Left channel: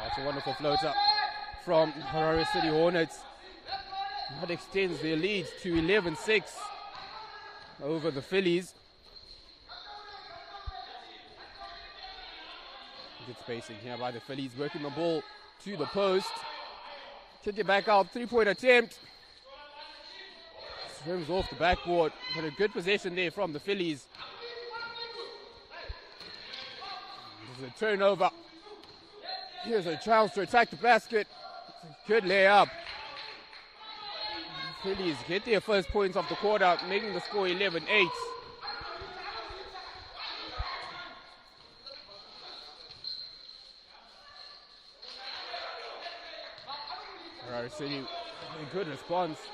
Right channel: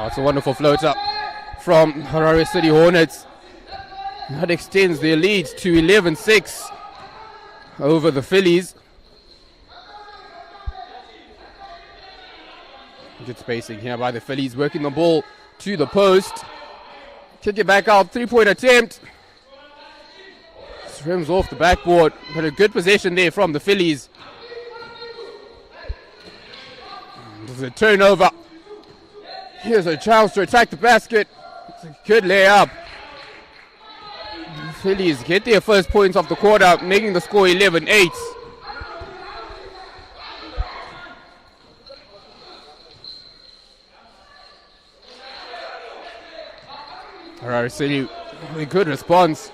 Oh, it's a wonderful floater from Harare City Hornets. That extends their lead to 11-6 over the Phillies. Good spacing here by the Phillies, working the ball to the post. Kick it back out, 3-point attempt. Rims off the backboard, but a good possession there from the Phillies. There's a turnover. Here's a chance to attack the basket. It's a good layup. The Phillies get their first points of the quarter, making the score 11-8. Harare City, a good response.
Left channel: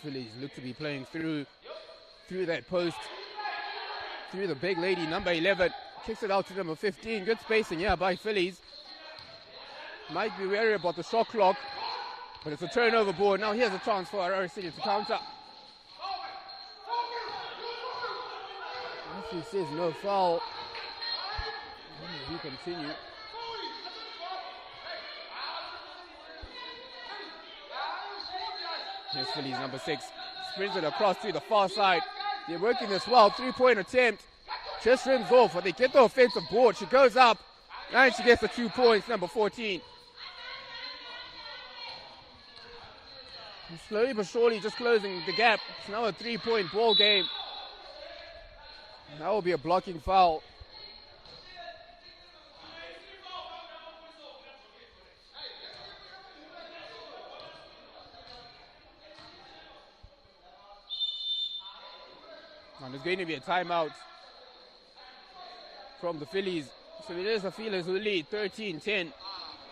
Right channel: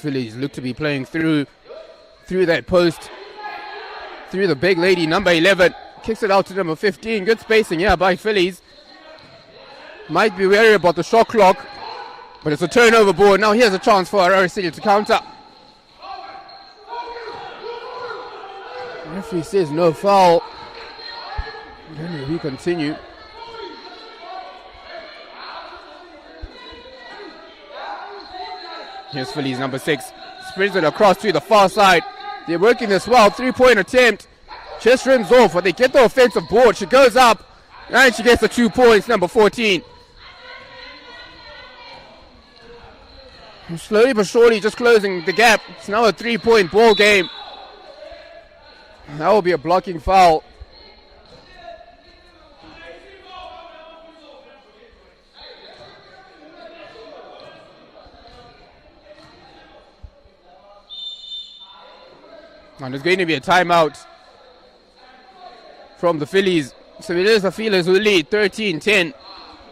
Phillies look to be playing through that post, through the big lady, number 11. Kicks it out to number 15. Good spacing here by Phillies. Might be wary about the shot clock, but it's a turnover board. Now here's a chance for Harare City to counter. The referee says no foul. Then we continue. Here's Phillies number 6. Spreads it across to the far side. They're working this well. 3-point attempt. Just rims off, but they get the offensive board. She goes up, and she gets the 2 points, number 14. And slowly but surely just closing the gap. It's now a 3-point ball game. That will be a blocking foul. And there's going to be a timeout from the Phillies. So it is the Phillies who lead 13-10.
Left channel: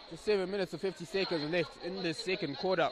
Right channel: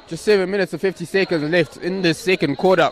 Just 7 minutes and 50 seconds left in the second quarter.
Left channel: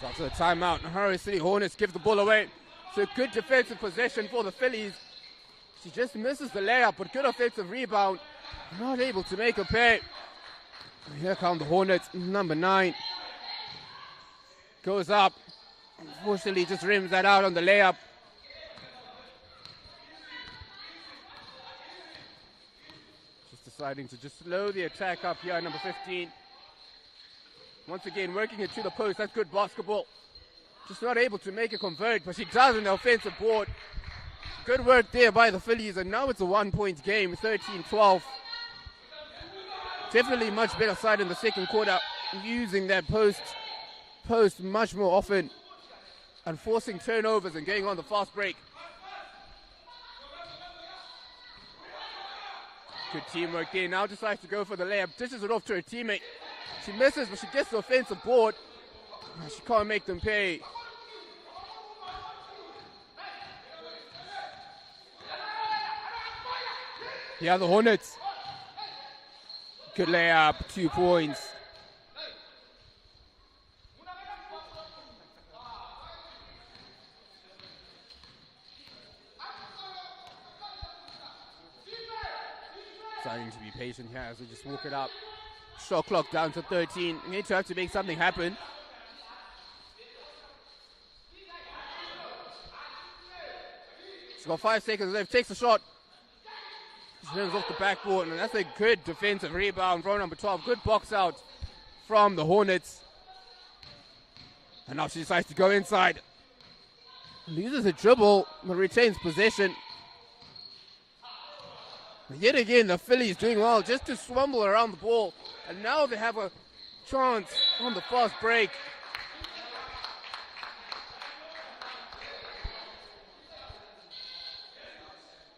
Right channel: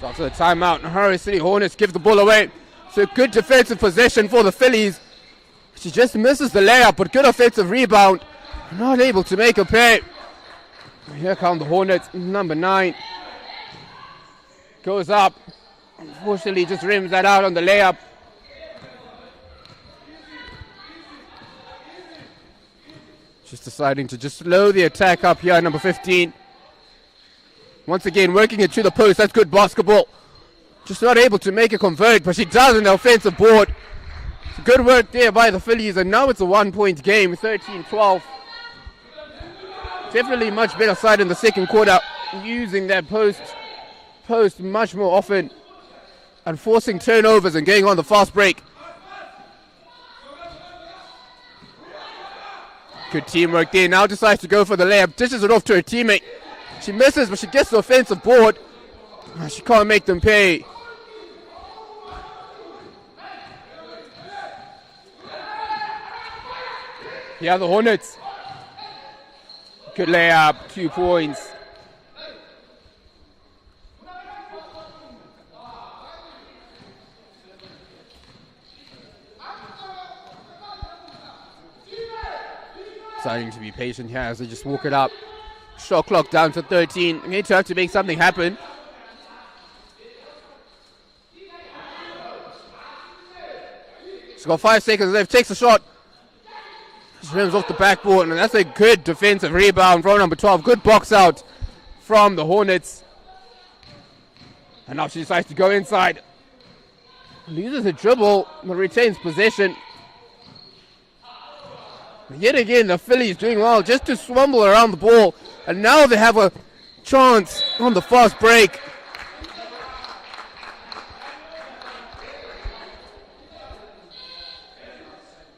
So after the timeout, Harare City Hornets give the ball away. So good defensive possession for the Phillies. She just misses the layup, but good offensive rebound. Not able to make a pay. Here come the Hornets, number 9. Goes up. Unfortunately, just rims that out on the layup. Just deciding to just slow the attack up here, number 15. Once again, working it to the post. That's good basketball. Just not able to make a convert, but she does on the offensive board. Good work there by the Phillies, and now it's a 1-point game, 13-12. Definitely much better side in the second quarter, using that post much more often and forcing turnovers and getting on the fast break. Good teamwork there. Now decides to go for the layup. Dishes it off to her teammate. She misses, but she gets the offensive board. She can't make them pay. Yeah, the Hornets. Good layup, 2 points. Starting to be patient here as they just walk it up. Shot clock down to 13. Need to have to make something happen. She's got 5 seconds left. Takes a shot. She rims off the backboard, and that's a good defensive rebound from number 12. Good box out from the Hornets. And now she decides to go inside. Loses a dribble, but retains possession. Yet again, the Phillies doing well just to swamble around the ball. And now they have a chance on the fast break.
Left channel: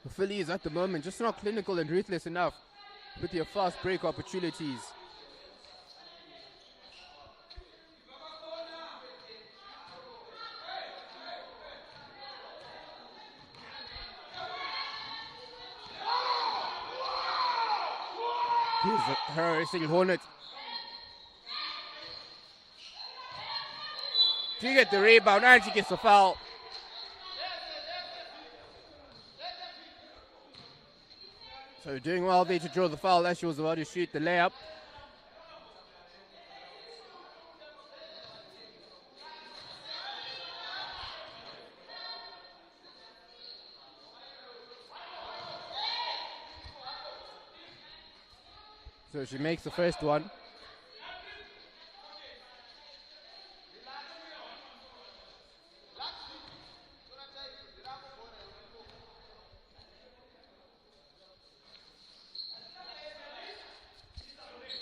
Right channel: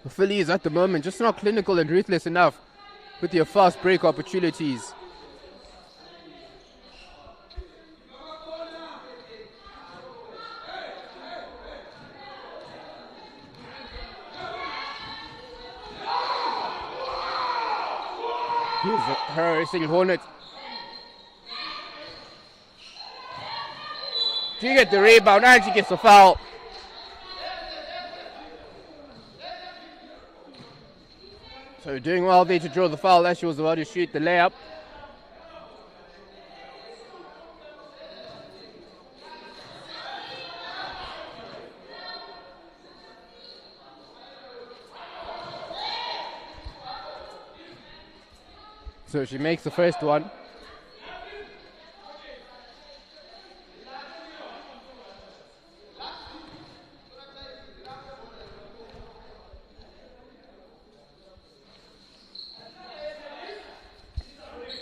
The Phillies at the moment just not clinical and ruthless enough with their fast break opportunities. Here's the Harare City Hornets. She gets the rebound and she gets the foul. So doing well there to draw the foul as she was about to shoot the layup. So she makes the first one.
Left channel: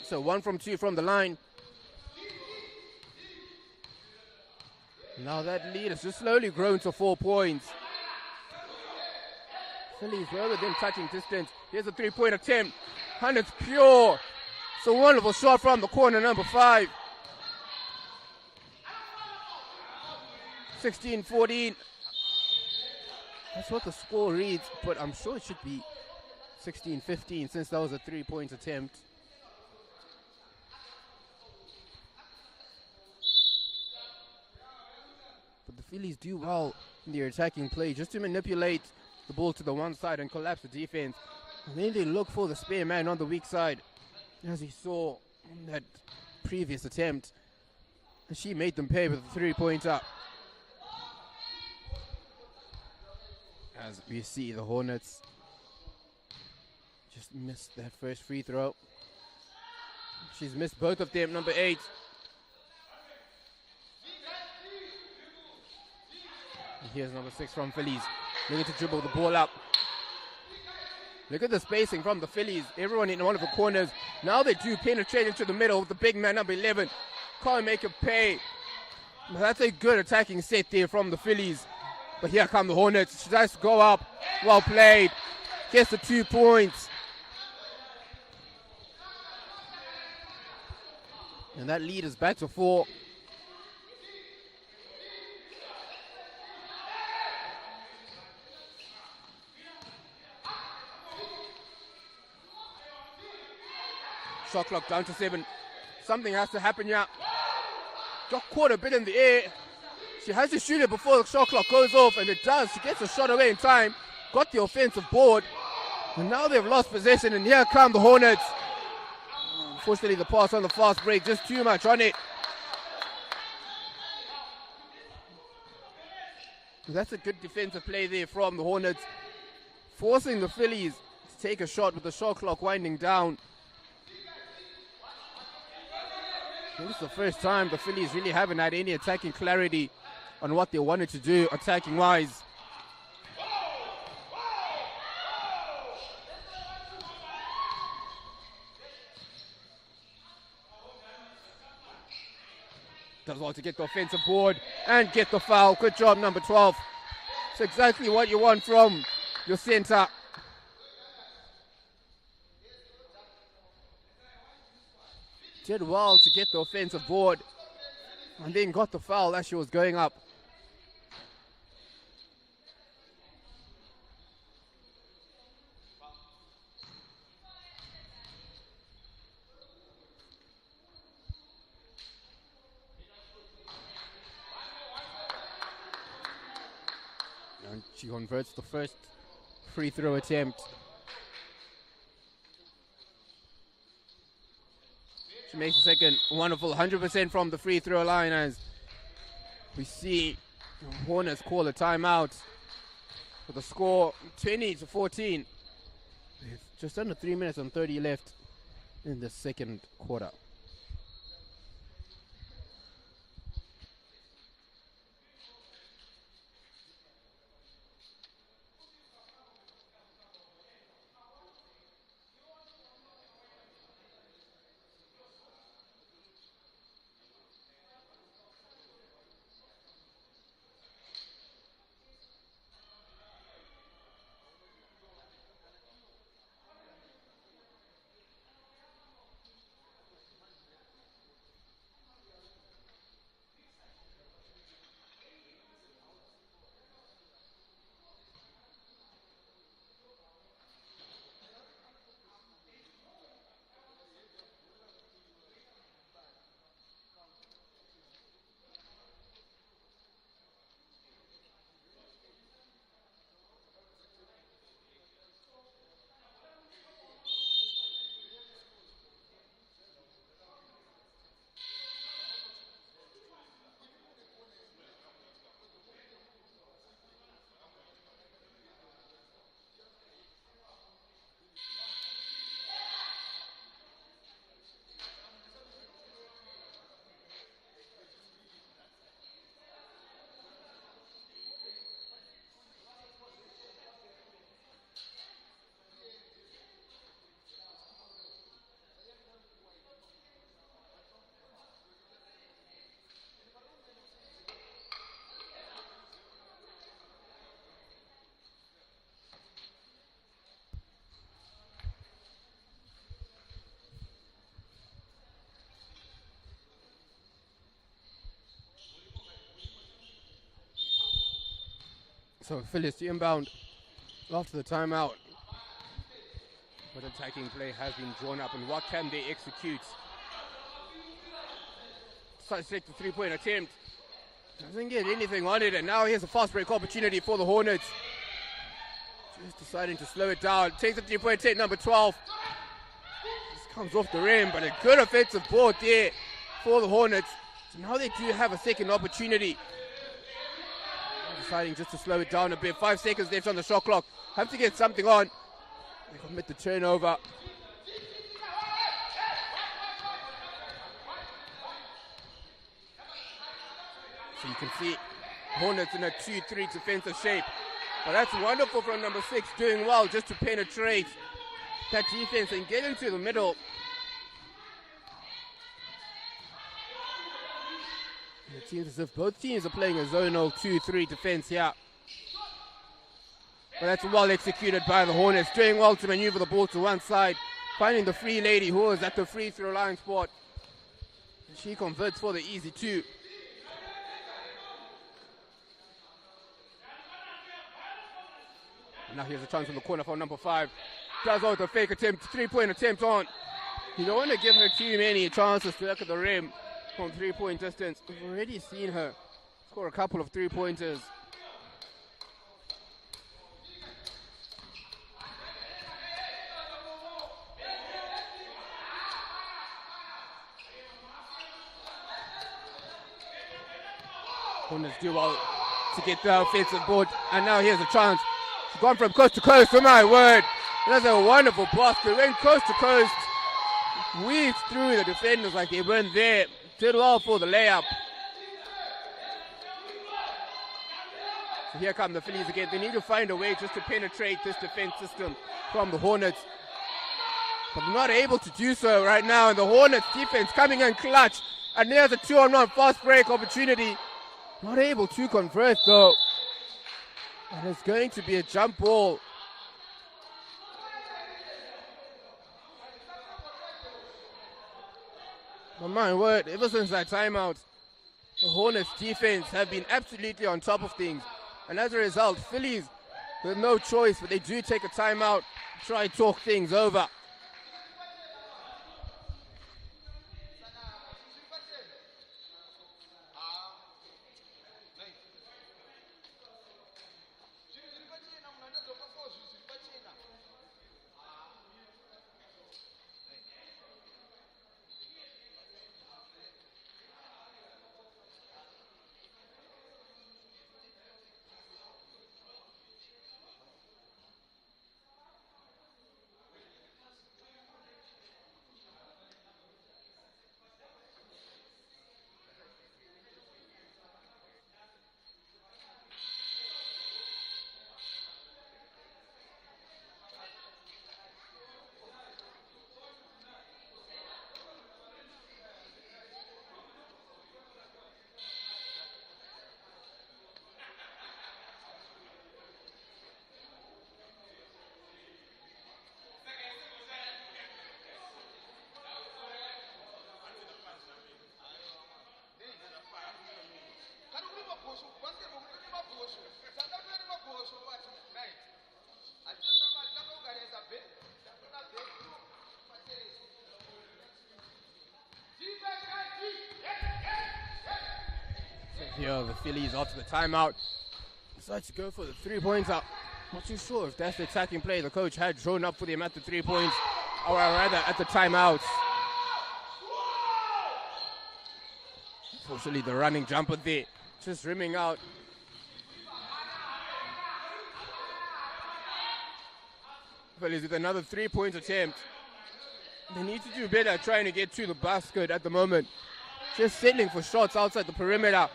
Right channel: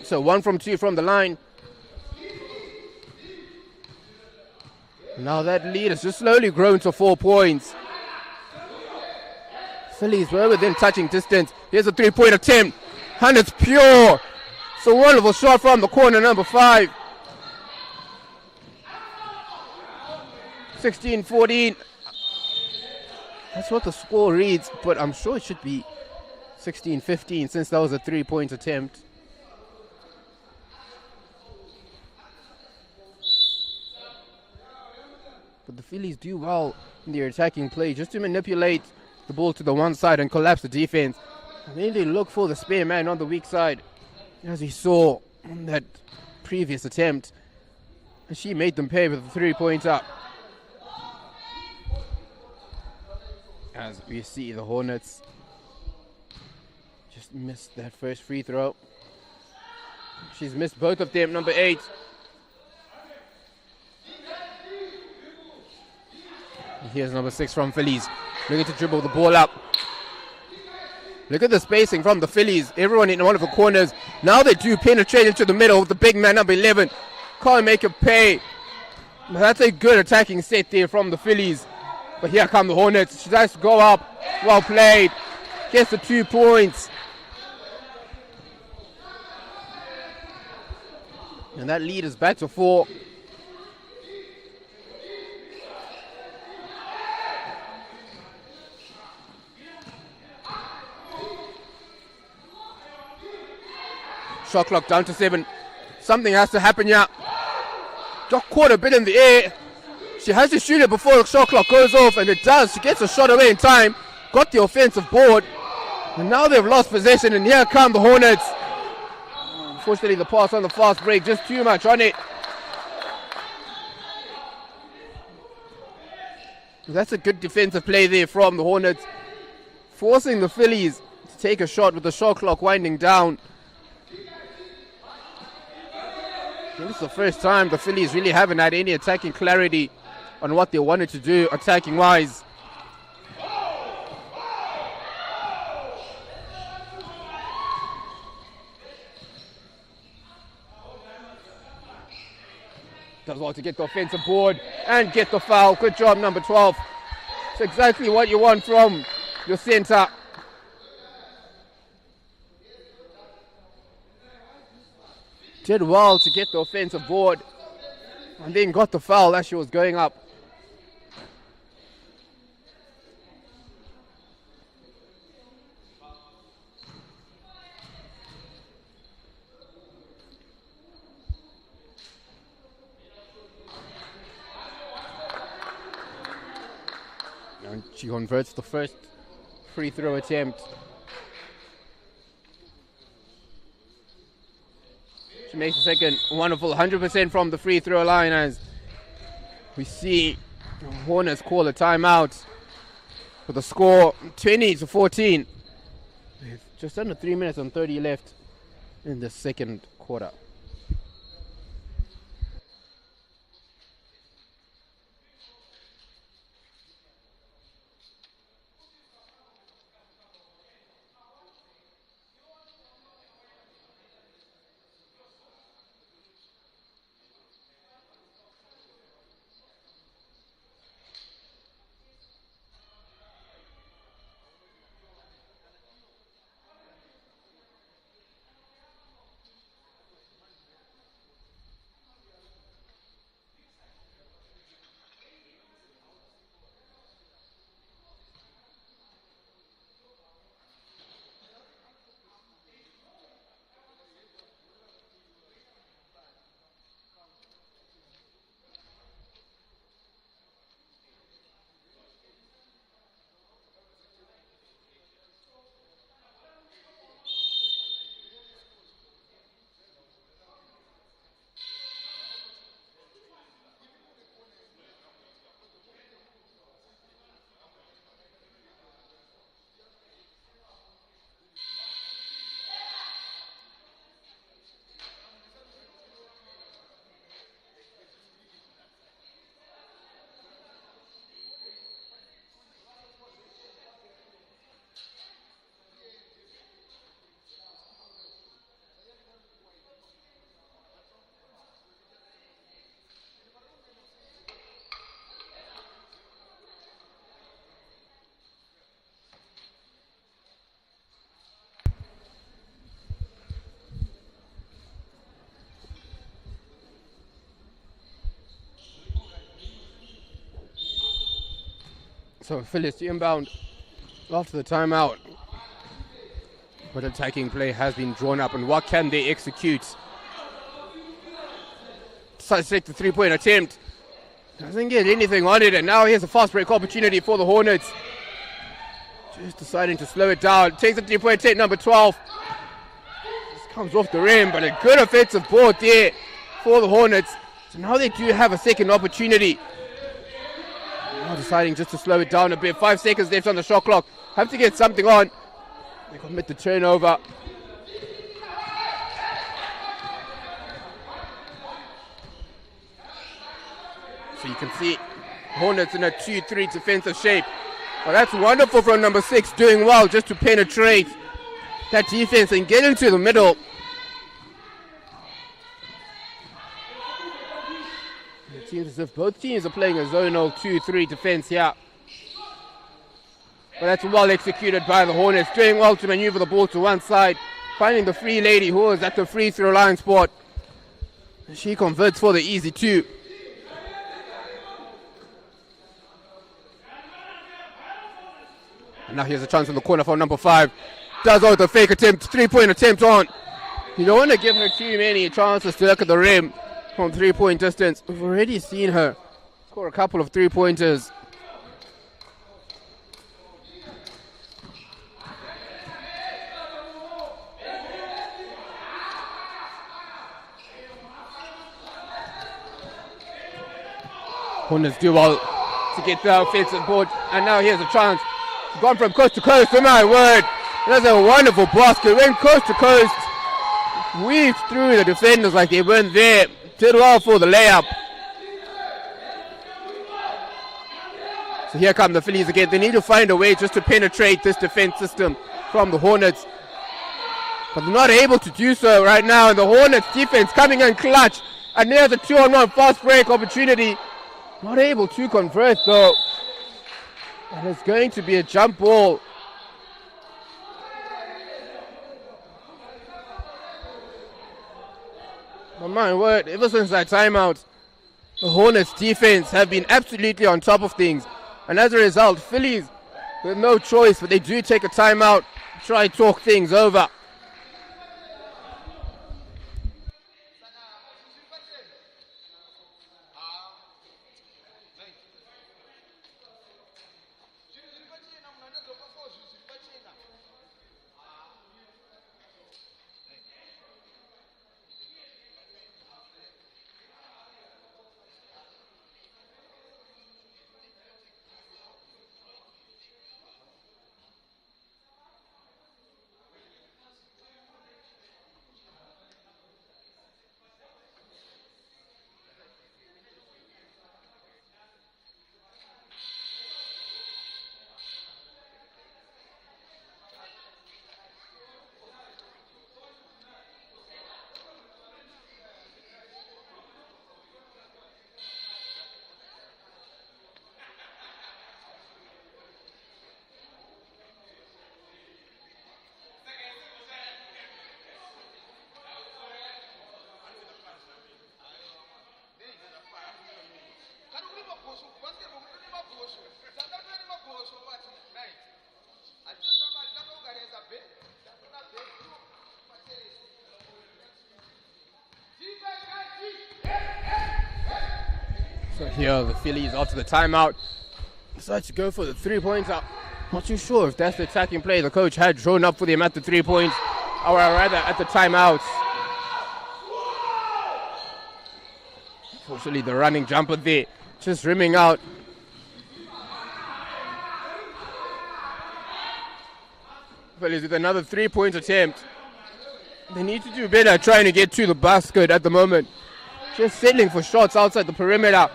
So 1 from 2 from the line. Now that lead has just slowly grown to 4 points. Phillies were within touching distance. Here's a 3-point attempt. And it's pure. So wonderful shot from the corner, number 5. 16-14. That's what the score reads, but I'm sure it should be 16-15 since that was a 3-point attempt. But the Phillies do well in their attacking play just to manipulate the ball to the one side and collapse the defense. And then they look for the spare man on the weak side, as we saw in that previous attempt. And she made them pay with a 3-pointer. As we see the Hornets just missed that first free throw. She's missed both of them, number 8. And here's number 6 from Phillies, looking to dribble the ball up. Look at the spacing from the Phillies. Everyone in one of the corners. Now they do penetrate into the middle with the big man, number 11. Can't make it pay. But that's a good attacking set there from the Phillies. But here come the Hornets. She tries to go up. Well played. Gets the 2 points. And that lead is back to 4. Shot clock down to 7. Something has to happen here. Got caught a bit in the air. She has to shoot it before the shot clock goes off, and it does. She gets a shot away in time. Got the offensive board. And now they've lost possession, and here come the Hornets. Unfortunately, the pass on the fast break, just too much on it. That's a good defensive play there from the Hornets, forcing the Phillies to take a shot with the shot clock winding down. This is the first time the Phillies really haven't had any attacking clarity on what they wanted to do attacking-wise. Does well to get the offensive board and get the foul. Good job, number 12. It's exactly what you want from your center. Did well to get the offensive board and then got the foul as she was going up. She converts the first free throw attempt. She makes the second. Wonderful, 100% from the free throw line as we see the Hornets call a timeout with the score 20-14. With just under 3 minutes and 30 left in the second quarter. So Phyllis inbound after the timeout. But attacking play has been drawn up, and what can they execute? Decides to take the three-point attempt. Doesn't get anything on it, and now here's a fast break opportunity for the Hornets. Just deciding to slow it down. Takes the three-point attempt, number 12. Just comes off the rim, but a good offensive board there for the Hornets. So now they do have a second opportunity. Now deciding just to slow it down a bit. 5 seconds left on the shot clock. Have to get something on. They commit the turnover. So you can see Hornets in a 2-3 defensive shape. Well, that's wonderful from number 6, doing well just to penetrate that defense and get into the middle. It seems as if both teams are playing a zonal 2-3 defense here. But that's well executed by the Hornets, doing well to maneuver the ball to one side, finding the free lady who is at the free throw line spot. She converts for the easy 2. And now here's a chance in the corner for number 5. Does out the fake attempt, 3-point attempt on. You don't want to give her too many chances to look at the rim from 3-point distance. We've already seen her score a couple of 3-pointers. Hornets do well to get the offensive board, and now here's a chance. She's gone from coast to coast, oh my word. That's a wonderful basket. Went coast to coast, weaved through the defenders like they weren't there. Did well for the layup. So here come the Phillies again. They need to find a way just to penetrate this defense system from the Hornets. But they're not able to do so right now. The Hornets defense coming in clutch. And there's a 2-on-1 fast break opportunity. Not able to convert though. And it's going to be a jump ball. Oh my word, ever since that timeout, the Hornets defense have been absolutely on top of things. And as a result, Phillies with no choice, but they do take a timeout, try and talk things over. So here the Phillies after the timeout decide to go for the 3-pointer. Not too sure if that's the attacking play the coach had drawn up for them at the 3 points, or rather at the timeout. Fortunately, the running jumper there just rimming out. Phillies with another 3-point attempt. They need to do better trying to get to the basket at the moment. Just settling for shots outside the perimeter.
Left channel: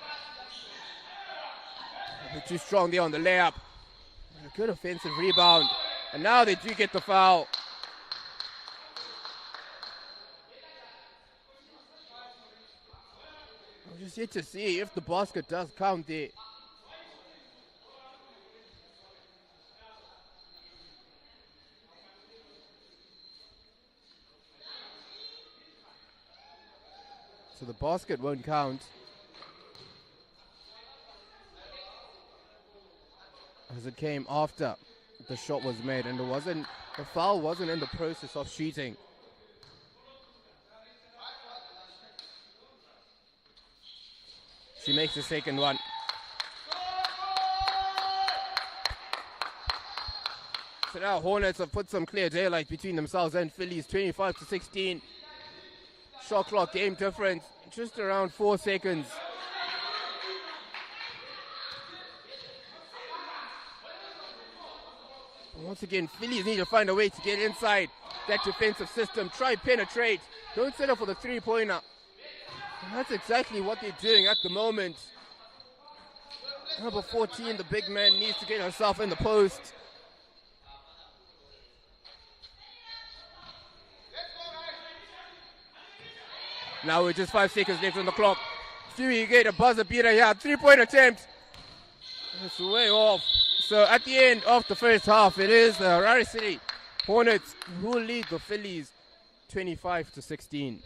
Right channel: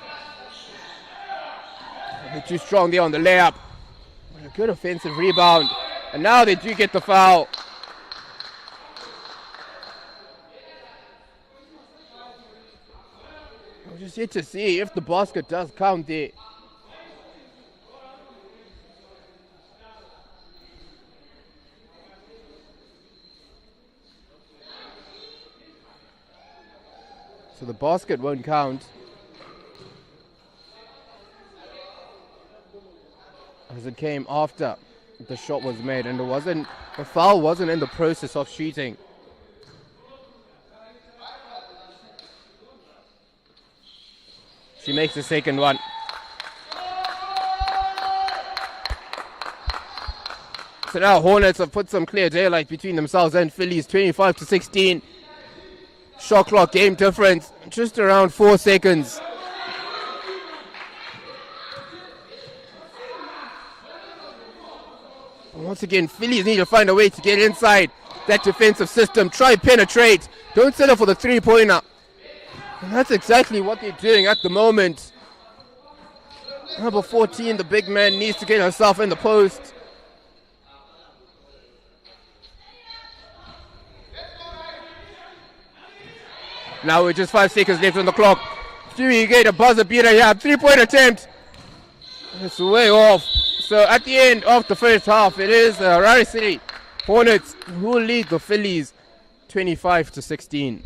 They're too strong there on the layup. A good offensive rebound. And now they do get the foul. We'll just yet to see if the basket does count there. So the basket won't count, as it came after the shot was made, and the foul wasn't in the process of shooting. She makes the second one. So now Hornets have put some clear daylight between themselves and Phillies, 25-16. Shot clock game difference, just around 4 seconds. Once again, Phillies need to find a way to get inside that defensive system. Try penetrate. Don't settle for the 3-pointer. And that's exactly what they're doing at the moment. Number 14, the big man, needs to get herself in the post. Now with just 5 seconds left on the clock. Do you get a buzzer beater here? 3-point attempt. It's way off. So at the end of the first half, it is the Harare City Hornets who lead the Phillies 25-16.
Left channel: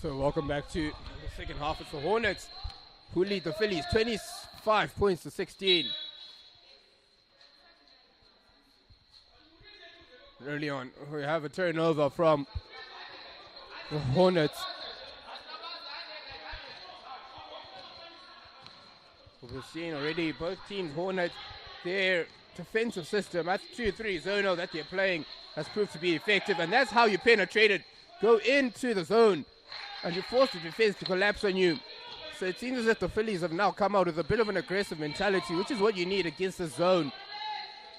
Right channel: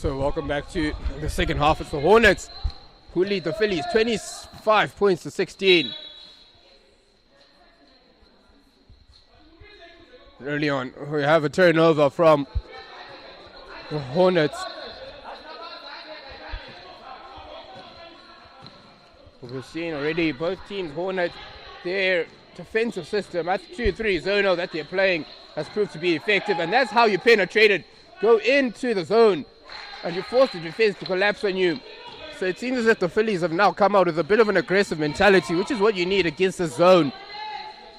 So welcome back to the second half. It's the Hornets who lead the Phillies 25 points to 16. Early on, we have a turnover from the Hornets. We've seen already both teams, Hornets, their defensive system, that's 2-3 zonal that they're playing, has proved to be effective, and that's how you penetrate it. Go into the zone, and you force the defense to collapse on you. So it seems as if the Phillies have now come out with a bit of an aggressive mentality, which is what you need against the zone.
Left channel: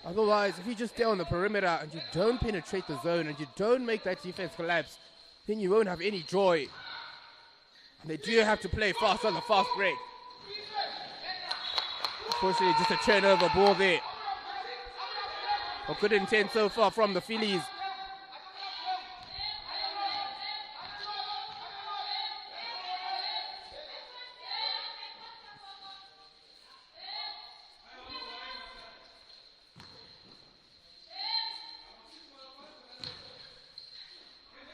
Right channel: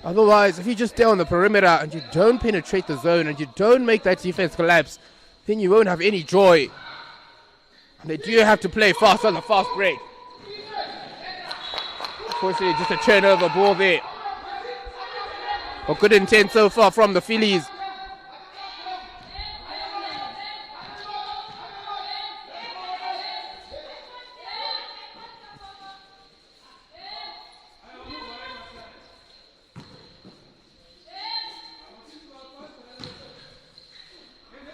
Otherwise, if you just stay on the perimeter and you don't penetrate the zone and you don't make that defense collapse, then you won't have any joy. And they do have to play fast on the fast break. Unfortunately, just a turnover ball there. But good intent so far from the Phillies.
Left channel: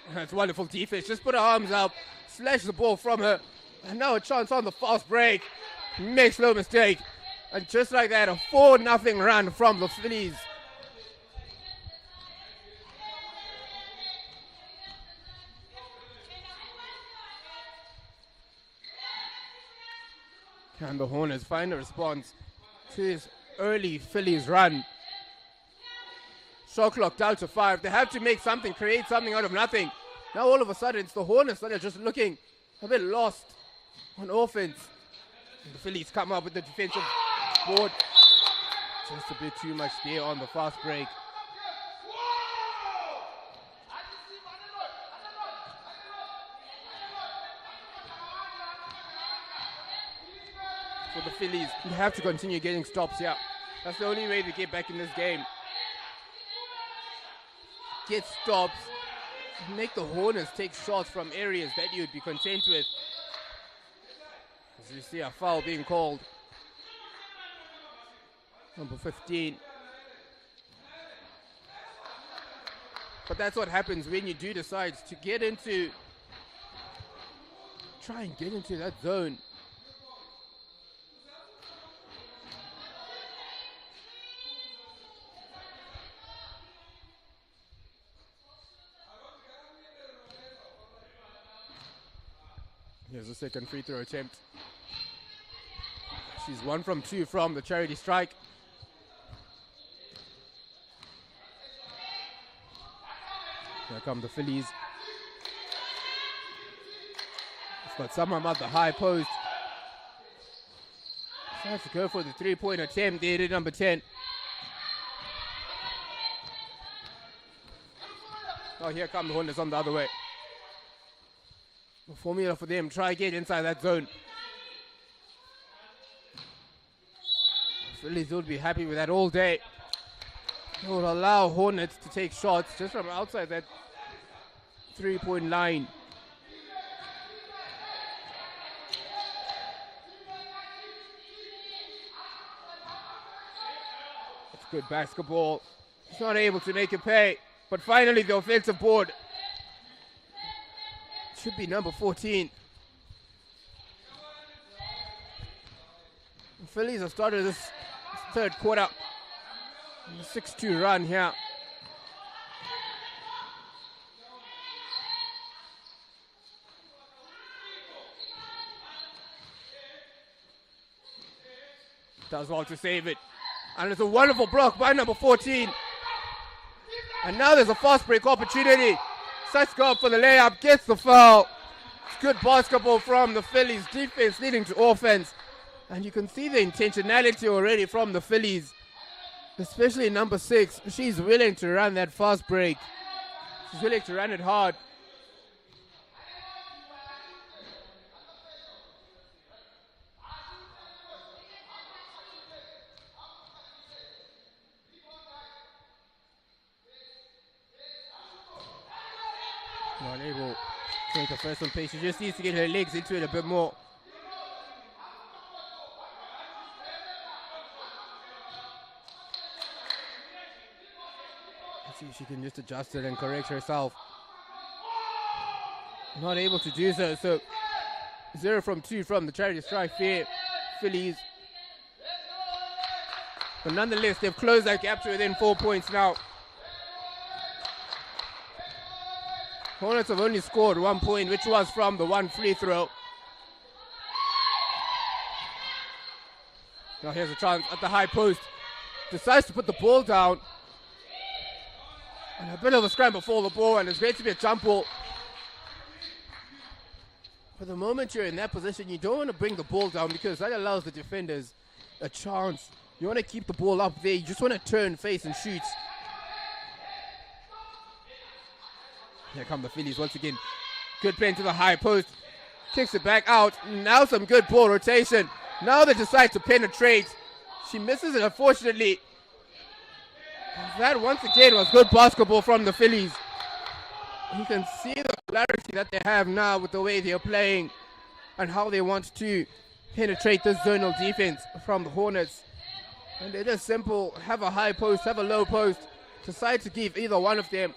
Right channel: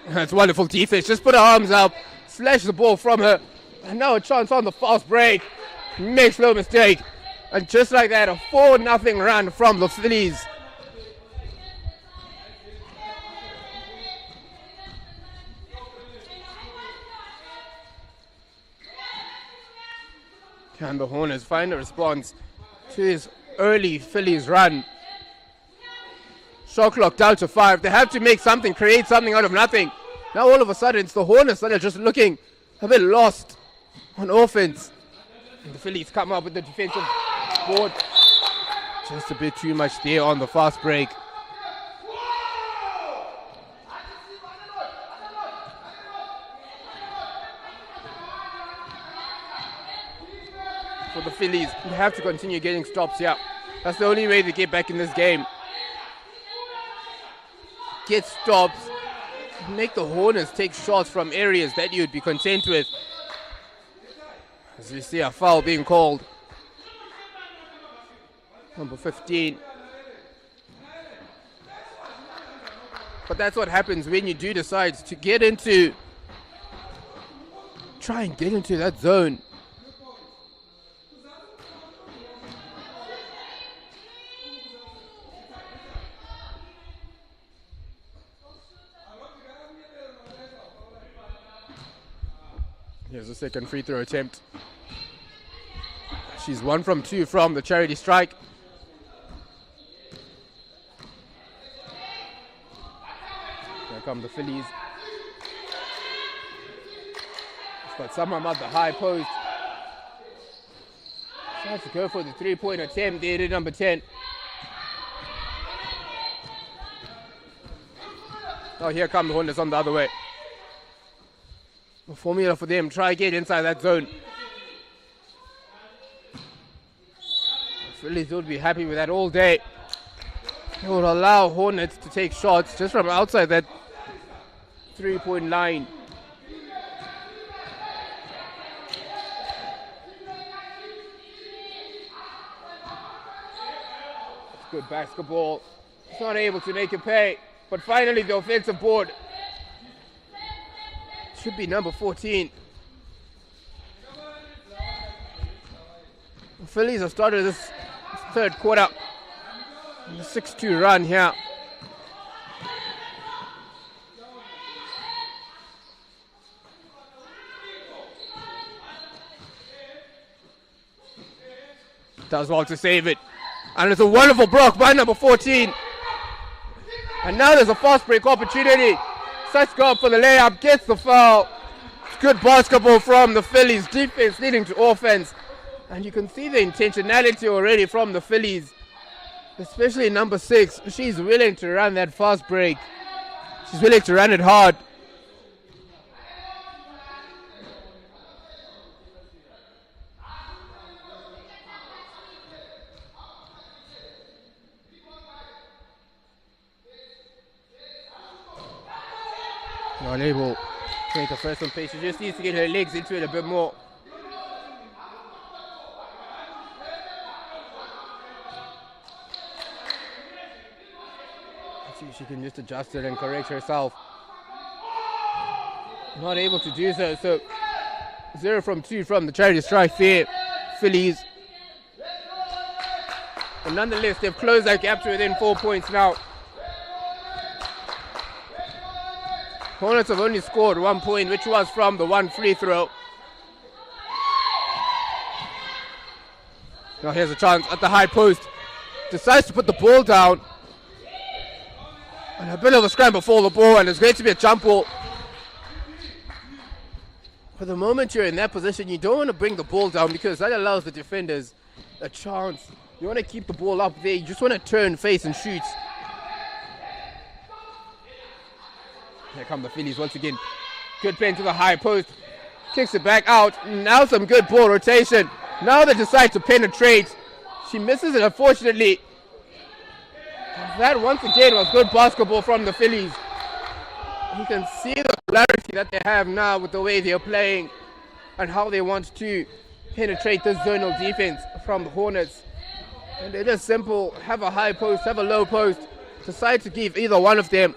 That's wonderful defense. Just put her arms up, slash the ball from her. And now a chance on the fast break. Makes no mistake. And just like that, a 4-0 run from the Phillies. Can the Hornets find a response to this early Phillies run? Shot clock down to 5. They have to make something, create something out of nothing. Now all of a sudden it's the Hornets that are just looking a bit lost on offense. And the Phillies come up with the defensive board. Just a bit too much there on the fast break. For the Phillies, you have to continue getting stops here. That's the only way to get back in this game. Get stops, make the Hornets take shots from areas that you'd be content with. As you see a foul being called. Number 15. But that's what happens when you do decide to try and get into that zone. Here's a second free throw attempt. She's 1 from 2 from the charity strike. Here come the Phillies. It's got someone at the high post. Tries to go for the 3-point attempt there at number 10. Oh, here come the Hornets on the other way. The formula for them, try get inside that zone. The Phillies would be happy with that all day. They would allow Hornets to take shots just from outside that 3-point line. That's good basketball. It's not able to make it pay, but finally the offensive board. Should be number 14. The Phillies have started this third quarter. A 6-2 run here. Does well to save it. And it's a wonderful block by number 14. And now there's a fast break opportunity. Sets go up for the layup, gets the foul. It's good basketball from the Phillies. Defense leading to offense. And you can see the intentionality already from the Phillies. Especially number 6. She's willing to run that fast break. She's willing to run it hard. Not able to make a first one pace. She just needs to get her legs into it a bit more. Let's see if she can just adjust it and correct herself. Not able to do so. So 0 from 2 from the charity strike there. Phillies. But nonetheless, they've closed that gap to within 4 points now. Hornets have only scored 1 point, which was from the 1 free throw. Now here's a chance at the high post. Decides to put the ball down. And a bit of a scramble for the ball, and it's going to be a jump ball. For the moment you're in that position, you don't want to bring the ball down because that allows the defenders a chance. You want to keep the ball up there. You just want to turn, face, and shoot. Here come the Phillies once again. Good pen to the high post. Kicks it back out. Now some good ball rotation. Now they decide to penetrate. She misses it, unfortunately. That once again was good basketball from the Phillies. You can see the clarity that they have now with the way they're playing and how they want to penetrate this zonal defense from the Hornets. And it is simple. Have a high post, have a low post. Decide to give either one of them.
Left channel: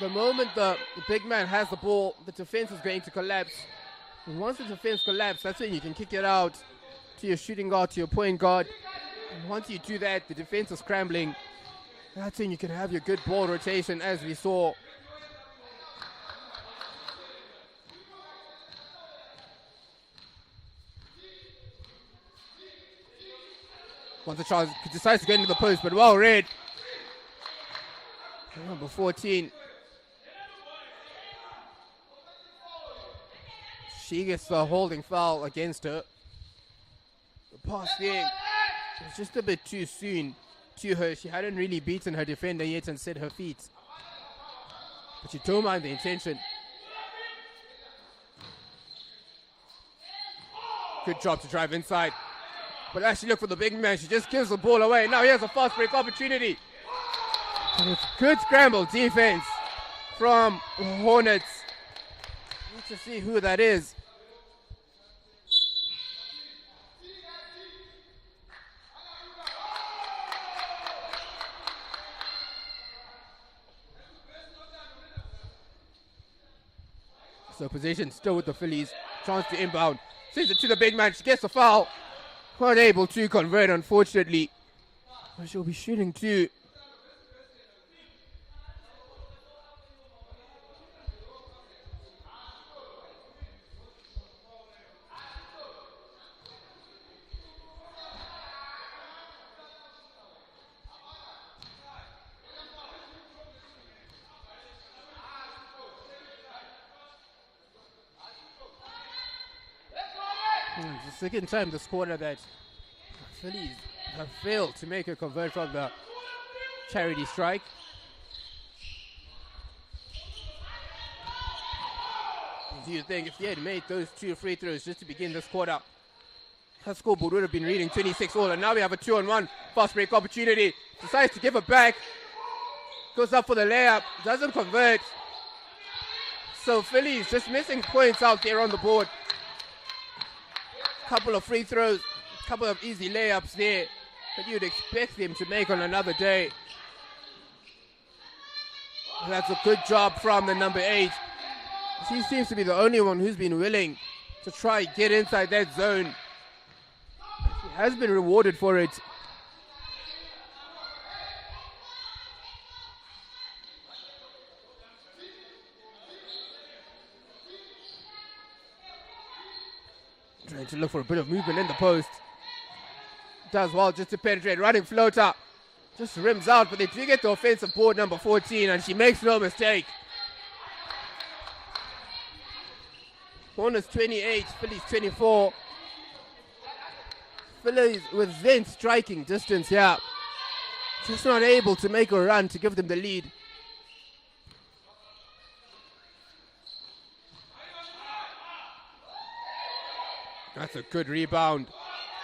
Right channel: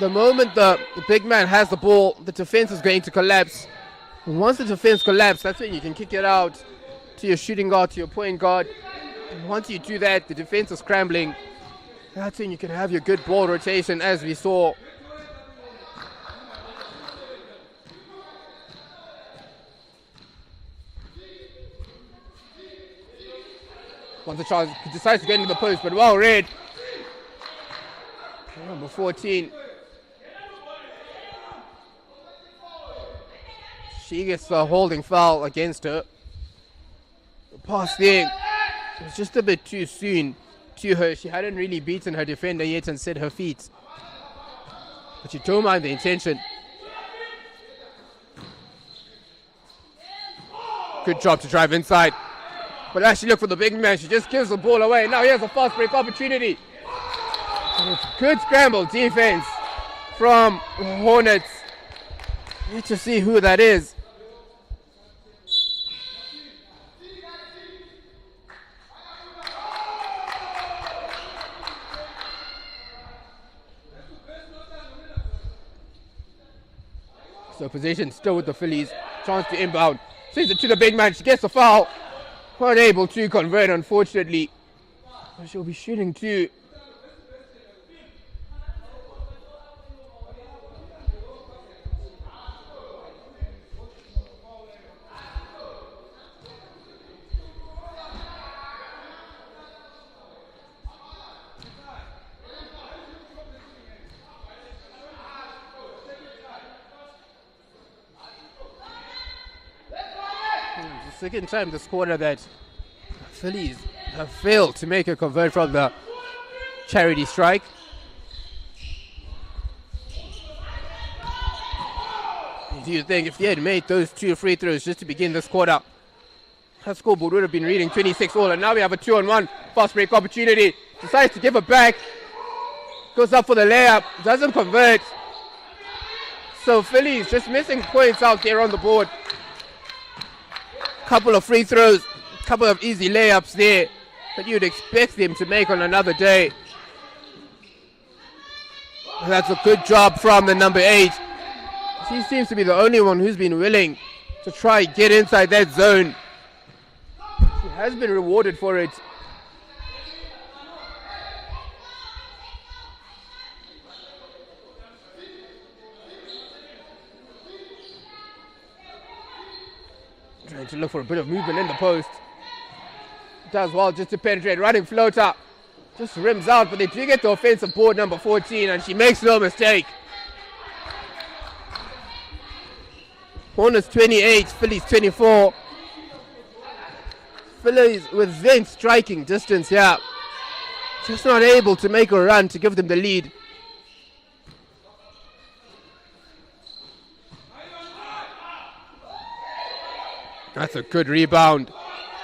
The moment the big man has the ball, the defense is going to collapse. And once the defense collapses, that's when you can kick it out to your shooting guard, to your point guard. And once you do that, the defense is scrambling. That's when you can have your good ball rotation, as we saw. Once the chance decides to get into the post, but well read. Number 14. She gets the holding foul against her. The pass there was just a bit too soon to her. She hadn't really beaten her defender yet and set her feet. But you don't mind the intention. Good job to drive inside. But as she looked for the big man, she just gives the ball away. Now here's a fast break opportunity. And it's good scramble defense from Hornets. Need to see who that is. So possession still with the Phillies. Chance to inbound. Sends it to the big man. She gets the foul. Not able to convert, unfortunately. But she'll be shooting too. It's the second time this quarter that Phillies have failed to make a convert from the charity strike. Do you think if they had made those 2 free throws just to begin this quarter, that scoreboard would have been reading 26 all, and now we have a 2-on-1 fast break opportunity. Decides to give it back. Goes up for the layup. Doesn't convert. So Phillies just missing points out there on the board. Couple of free throws, couple of easy layups there that you'd expect them to make on another day. That's a good job from the number 8. She seems to be the only one who's been willing to try get inside that zone. She has been rewarded for it. Trying to look for a bit of movement in the post. Does well just to penetrate. Running floater. Just rims out, but they do get the offensive board, number 14, and she makes no mistake. Hornets 28, Phillies 24. Phillies within striking distance here. Just not able to make a run to give them the lead. That's a good rebound.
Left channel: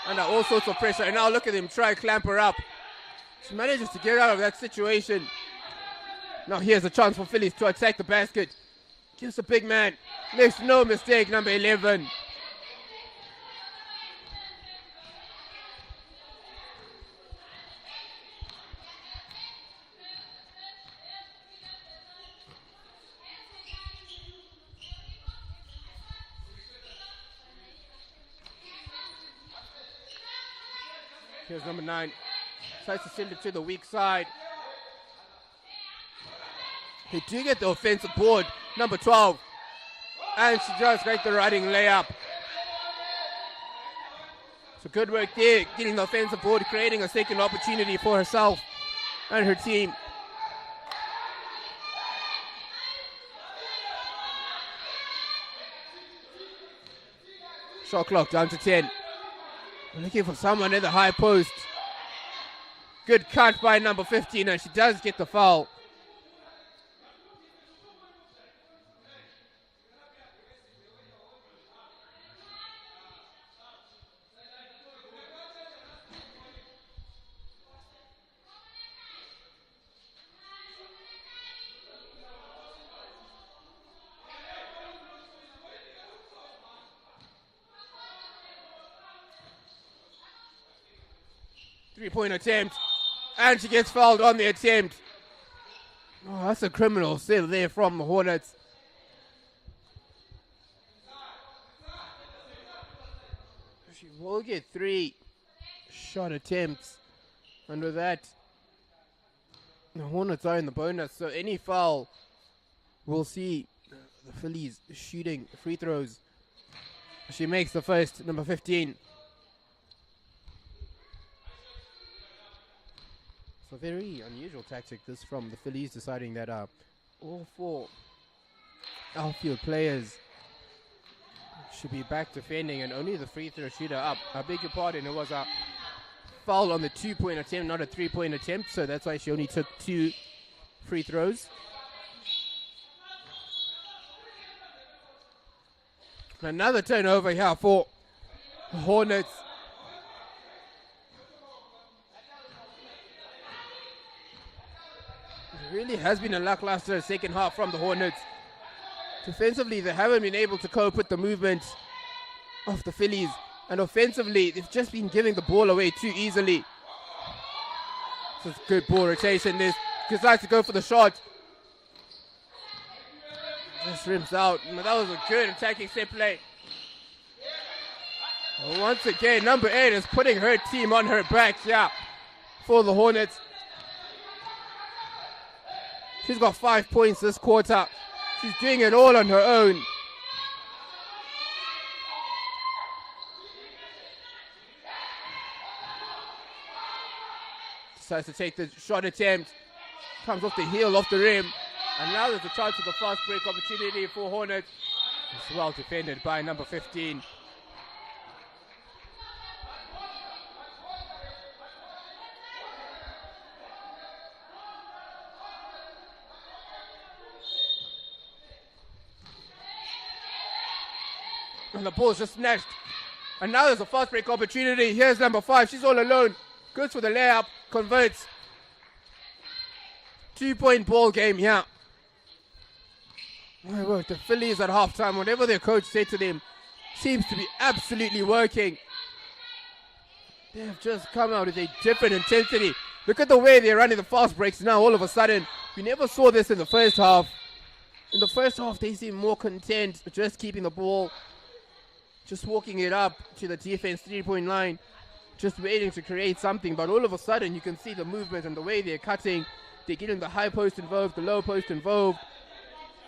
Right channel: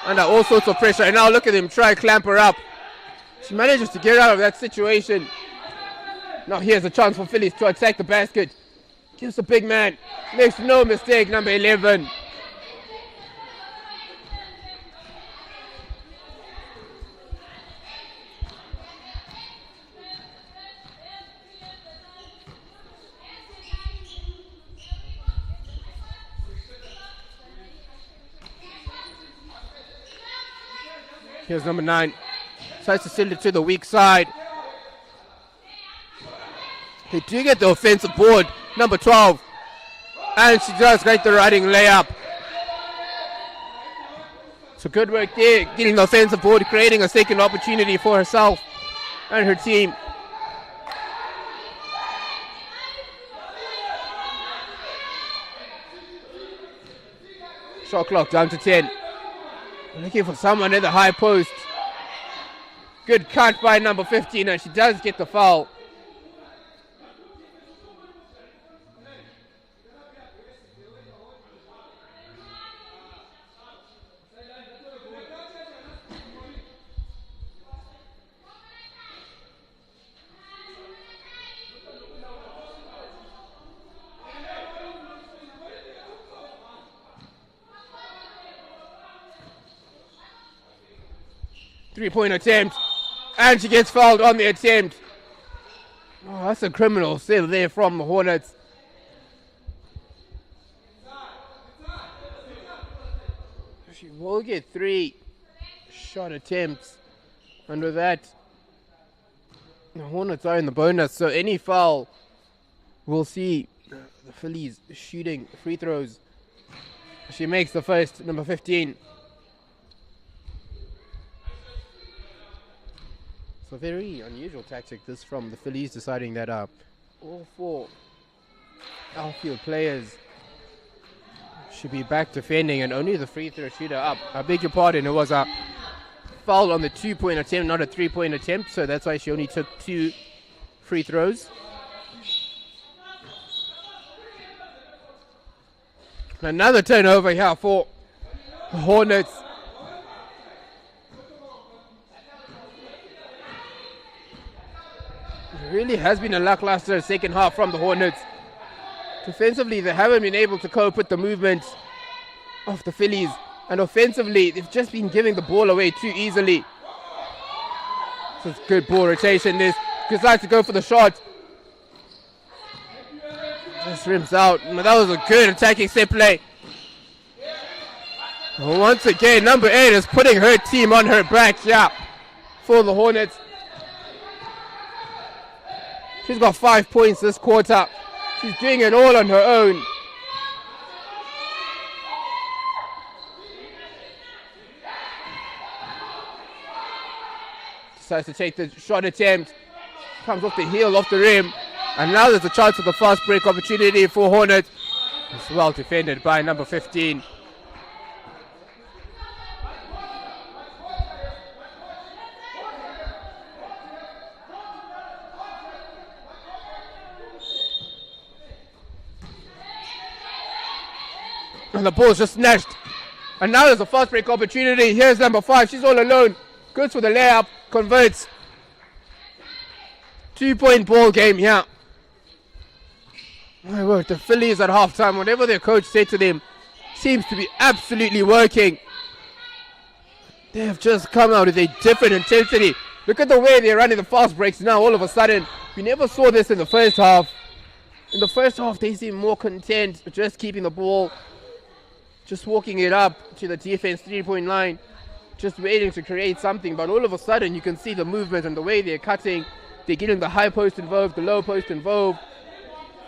Under all sorts of pressure. And now look at him try to clamp her up. She manages to get out of that situation. Now here's a chance for Phillies to attack the basket. Gives the big man. Makes no mistake, number 11. Here's number 9. Tries to send it to the weak side. They do get the offensive board. Number 12. And she does get the riding layup. So good work there, getting the offensive board, creating a second opportunity for herself and her team. Shot clock down to 10. We're looking for someone in the high post. Good cut by number 15, and she does get the foul. Three-point attempt, and she gets fouled on the attempt. Oh, that's a criminal save there from the Hornets. She will get 3 shot attempts, and with that, the Hornets are in the bonus, so any foul, we'll see the Phillies shooting free throws. She makes the first, number 15. So very unusual tactic this from the Phillies, deciding that all 4 outfield players should be back defending and only the free throw shooter up. I beg your pardon, it was a foul on the 2-point attempt, not a 3-point attempt, so that's why she only took 2 free throws. Another turnover here for the Hornets. It really has been a lackluster second half from the Hornets. Defensively, they haven't been able to cope with the movements of the Phillies. And offensively, they've just been giving the ball away too easily. This is good ball rotation. This decides to go for the shot. Just rims out. That was a good attacking set play. Once again, number 8 is putting her team on her back, for the Hornets. She's got 5 points this quarter. She's doing it all on her own. Decides to take the shot attempt. Comes off the heel, off the rim. And now there's a chance for the fast break opportunity for Hornets. It's well defended by number 15. And the ball's just snatched. And now there's a fast break opportunity. Here's number 5. She's all alone. Goes for the layup. Converts. 2-point ball game here. My word, the Phillies at halftime, whatever their coach said to them, seems to be absolutely working. They have just come out with a different intensity. Look at the way they're running the fast breaks now all of a sudden. We never saw this in the first half. In the first half, they seem more content just keeping the ball, just walking it up to the defense 3-point line, just waiting to create something. But all of a sudden, you can see the movement and the way they're cutting. They're getting the high post involved, the low post involved.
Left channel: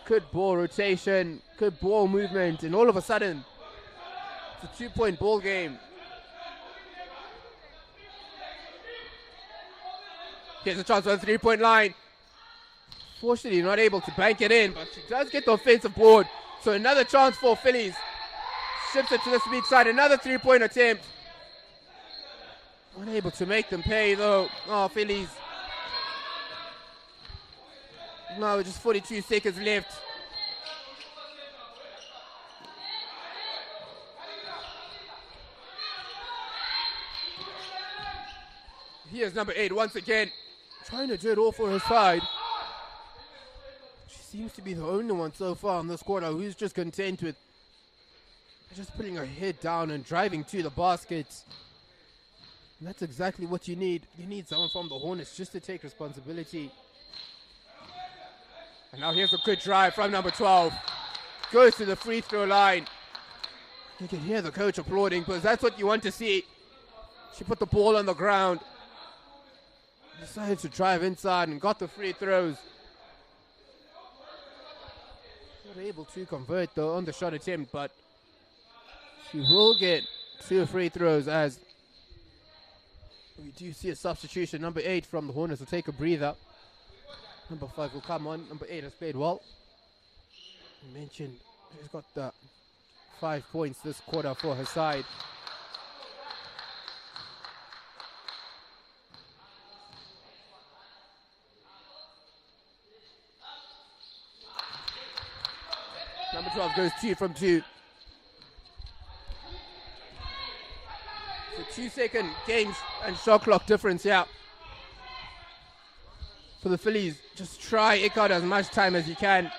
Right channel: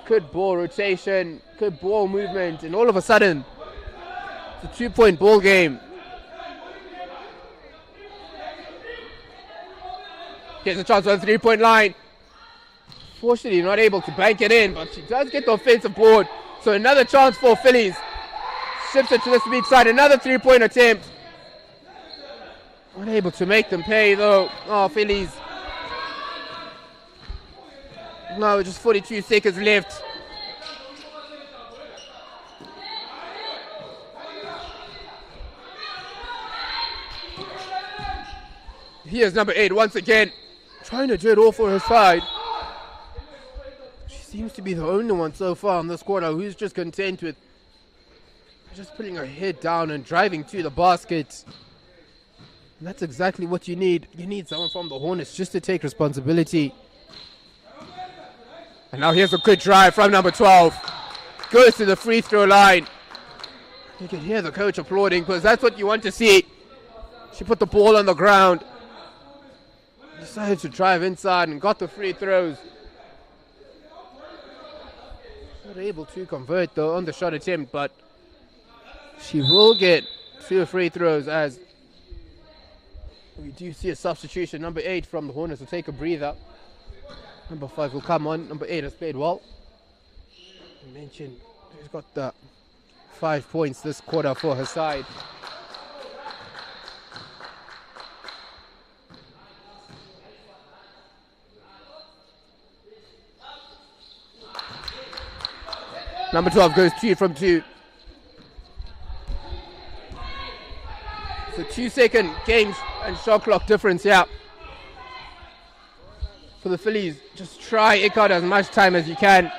Good ball rotation, good ball movement, and all of a sudden, it's a 2-point ball game. Gets a chance on the 3-point line. Fortunately, not able to bank it in, but she does get the offensive board. So another chance for Phillies. Shifts it to the weak side, another 3-point attempt. Unable to make them pay though. Oh, Phillies. Now just 42 seconds left. Here's number 8 once again, trying to do it all for her side. She seems to be the only one so far in this quarter who's just content with just putting her head down and driving to the basket. And that's exactly what you need. You need someone from the Hornets just to take responsibility. And now here's a good drive from number 12. Goes to the free throw line. You can hear the coach applauding because that's what you want to see. She She put the ball on the ground. Decided to drive inside and got the free throws. Not able to convert though on the shot attempt, but she will get 2 free throws as we do see a substitution. Number 8 from the Hornets will take a breather. Number 5 will come on. Number 8 has played well. I mentioned he's got the 5 points this quarter for her side. Number 12 goes 2 from 2. So 2-second games and shot clock difference here. For the Phillies, just try eke out as much time as you can.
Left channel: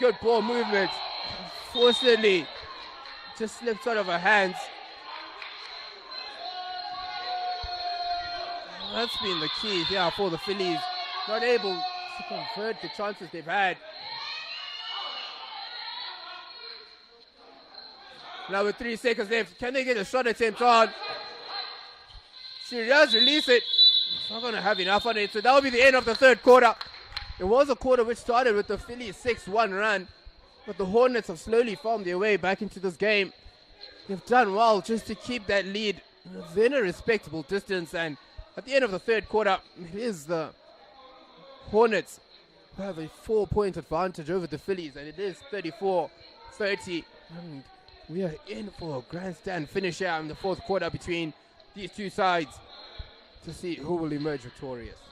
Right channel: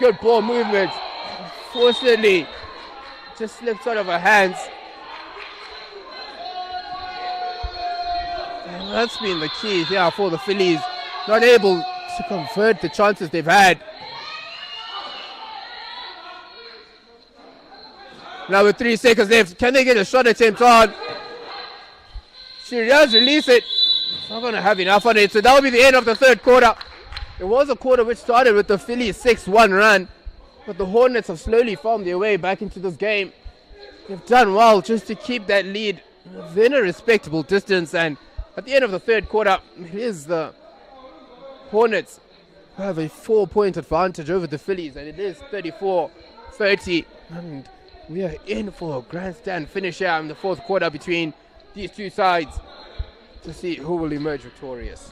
Good ball movement. Fortunately, just slipped out of her hands. And that's been the key here for the Phillies. Not able to convert the chances they've had. Now with 3 seconds left, can they get a shot attempt on? She does release it. It's not going to have enough on it, so that will be the end of the third quarter. It was a quarter which started with the Phillies 6-1 run, but the Hornets have slowly found their way back into this game. They've done well just to keep that lead within a respectable distance, and at the end of the third quarter, it is the Hornets who have a 4-point advantage over the Phillies, and it is 34-30. And we are in for a grandstand finish out in the fourth quarter between these two sides to see who will emerge victorious.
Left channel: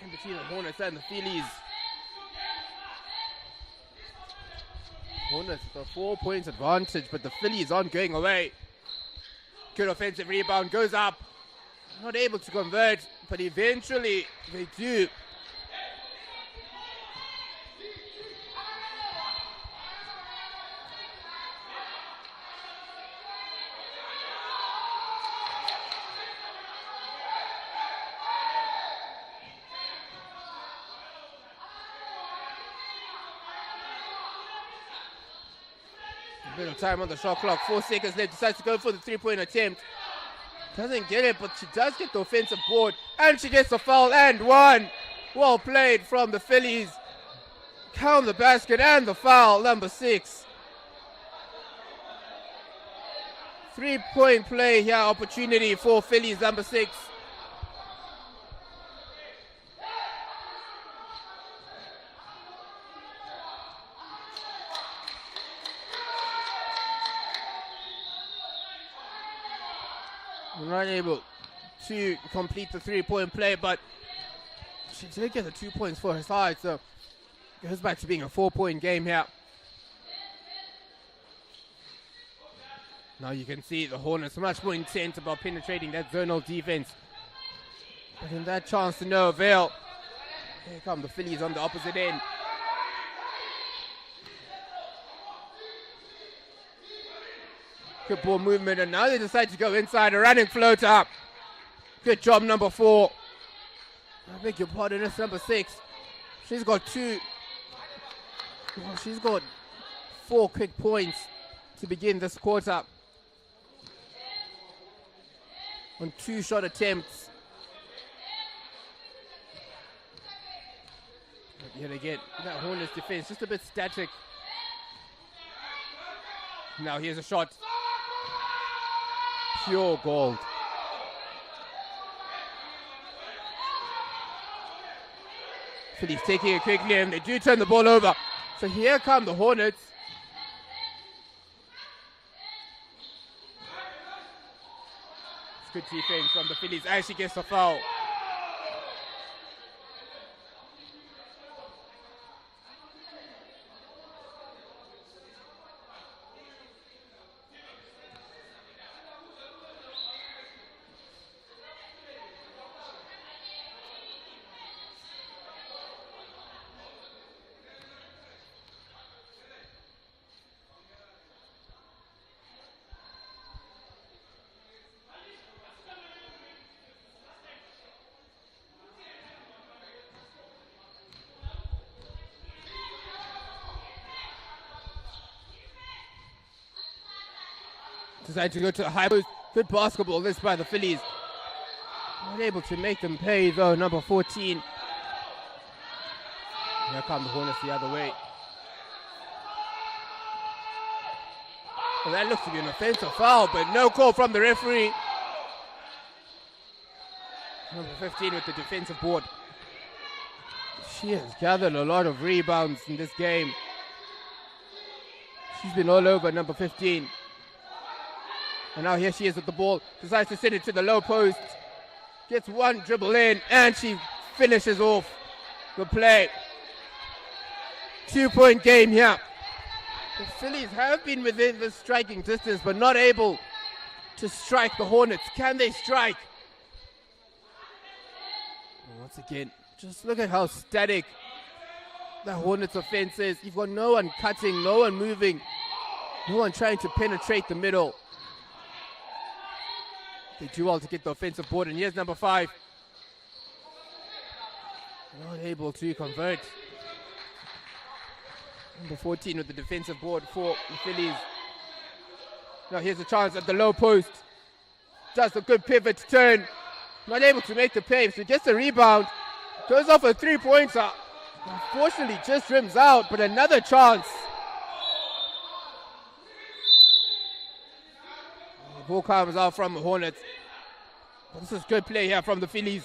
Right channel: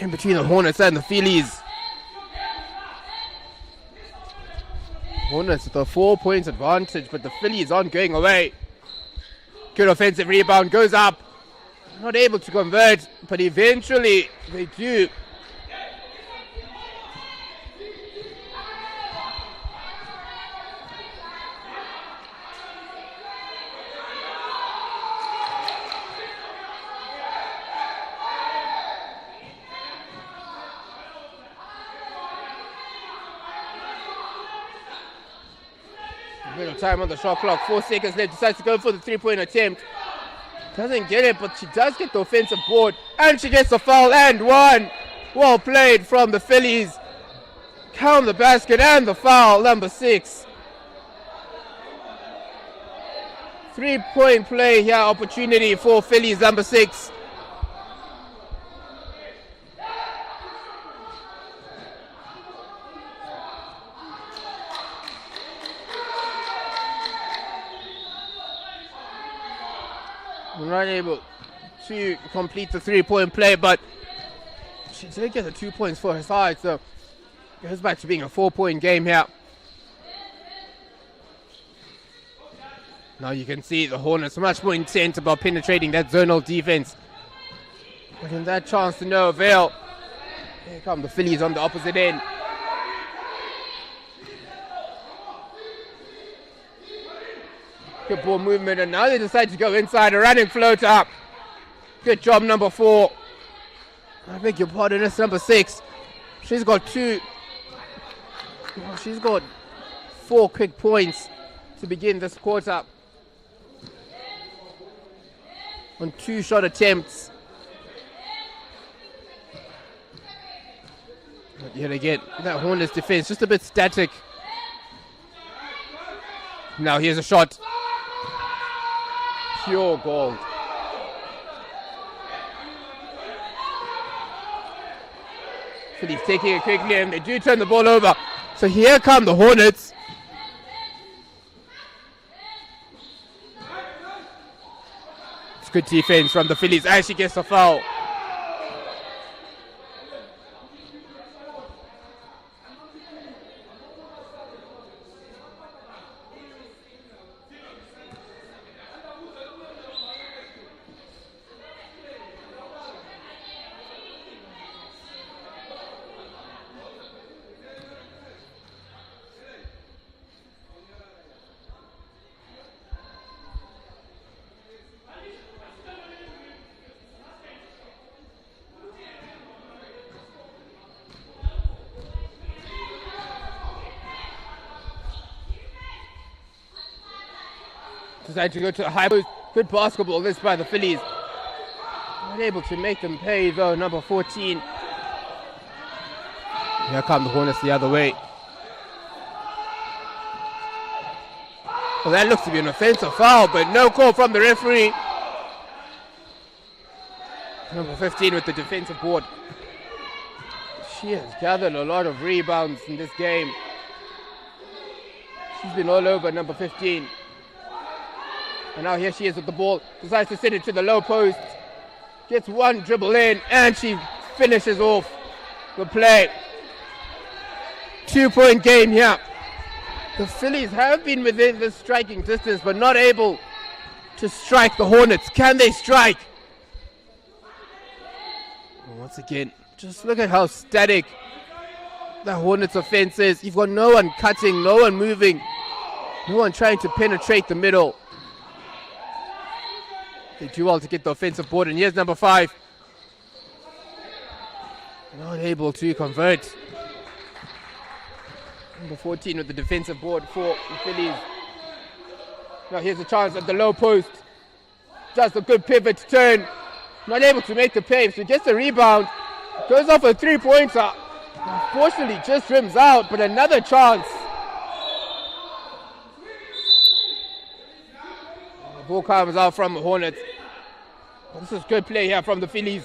In between the Hornets and the Phillies. Hornets with a 4-point advantage, but the Phillies aren't going away. Good offensive rebound, goes up. Not able to convert, but eventually they do. A bit of time on the shot clock, 4 seconds left, decides to go for the 3-point attempt. Doesn't get it, but she does get the offensive board, and she gets the foul, and one. Well played from the Phillies. Count the basket and the foul, number 6. 3-point play here, opportunity for Phillies, number 6. Not able to complete the 3-point play, but she did get the 2 points for her side, so it goes back to being a 4-point game here. Now you can see the Hornets are much more intent about penetrating that zonal defense. But in that chance to no avail. Here come the Phillies on the opposite end. Good ball movement, and now they decide to go inside. A running float up. Good job, number 4. I beg your pardon, it's number 6. She's got 2. Well, she's got 4 quick points to begin this quarter. On 2 shot attempts. But yet again, that Hornets defense just a bit static. Now here's a shot. Pure gold. Phillies taking it quickly, and they do turn the ball over. So here come the Hornets. It's good defense from the Phillies. Actually gets a foul. Decide to go to a high post. Good basketball this by the Phillies. Not able to make them pay though, number 14. Here come the Hornets the other way. Well, that looks to be an offensive foul, but no call from the referee. Number 15 with the defensive board. She has gathered a lot of rebounds in this game. She's been all over number 15. And now here she is with the ball. Decides to send it to the low post. Gets one dribble in, and she finishes off the play. 2-point game here. The Phillies have been within the striking distance, but not able to strike the Hornets. Can they strike? Once again, just look at how static the Hornets offense is. You've got no one cutting, no one moving, no one trying to penetrate the middle. They do well to get the offensive board, and here's number 5. Not able to convert. Number 14 with the defensive board for the Phillies. Now here's a chance at the low post. Just a good pivot turn. Not able to make the pay, so gets a rebound. Goes off a 3-pointer. Unfortunately, just rims out, but another chance. The ball comes out from the Hornets. But this is good play here from the Phillies.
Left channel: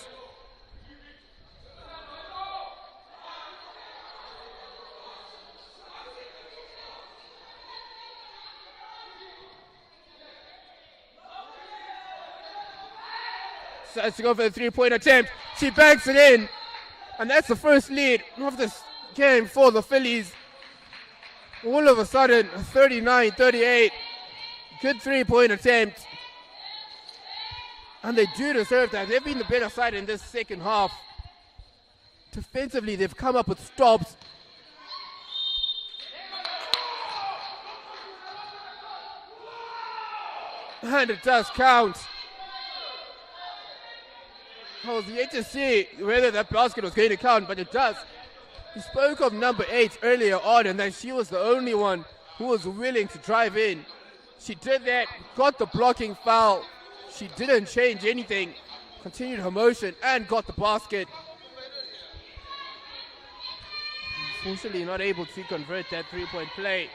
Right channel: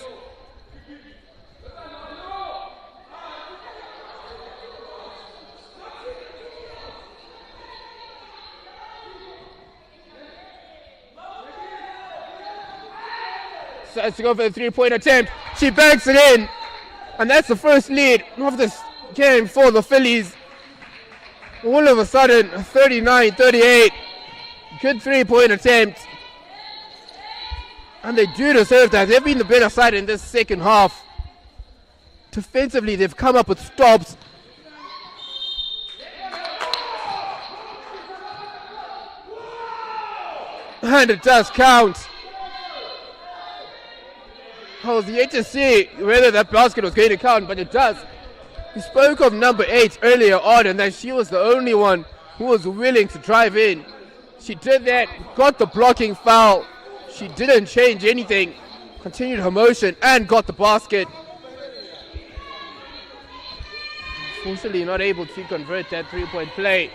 Decides to go for the 3-point attempt. She banks it in. And that's the first lead of this game for the Phillies. All of a sudden, 39-38. Good 3-point attempt. And they do deserve that. They've been the better side in this second half. Defensively, they've come up with stops. And it does count. I was yet to see whether that basket was going to count, but it does. We spoke of number 8 earlier on, and that she was the only one who was willing to drive in. She did that, got the blocking foul. She didn't change anything, continued her motion, and got the basket. Unfortunately, not able to convert that three-point play.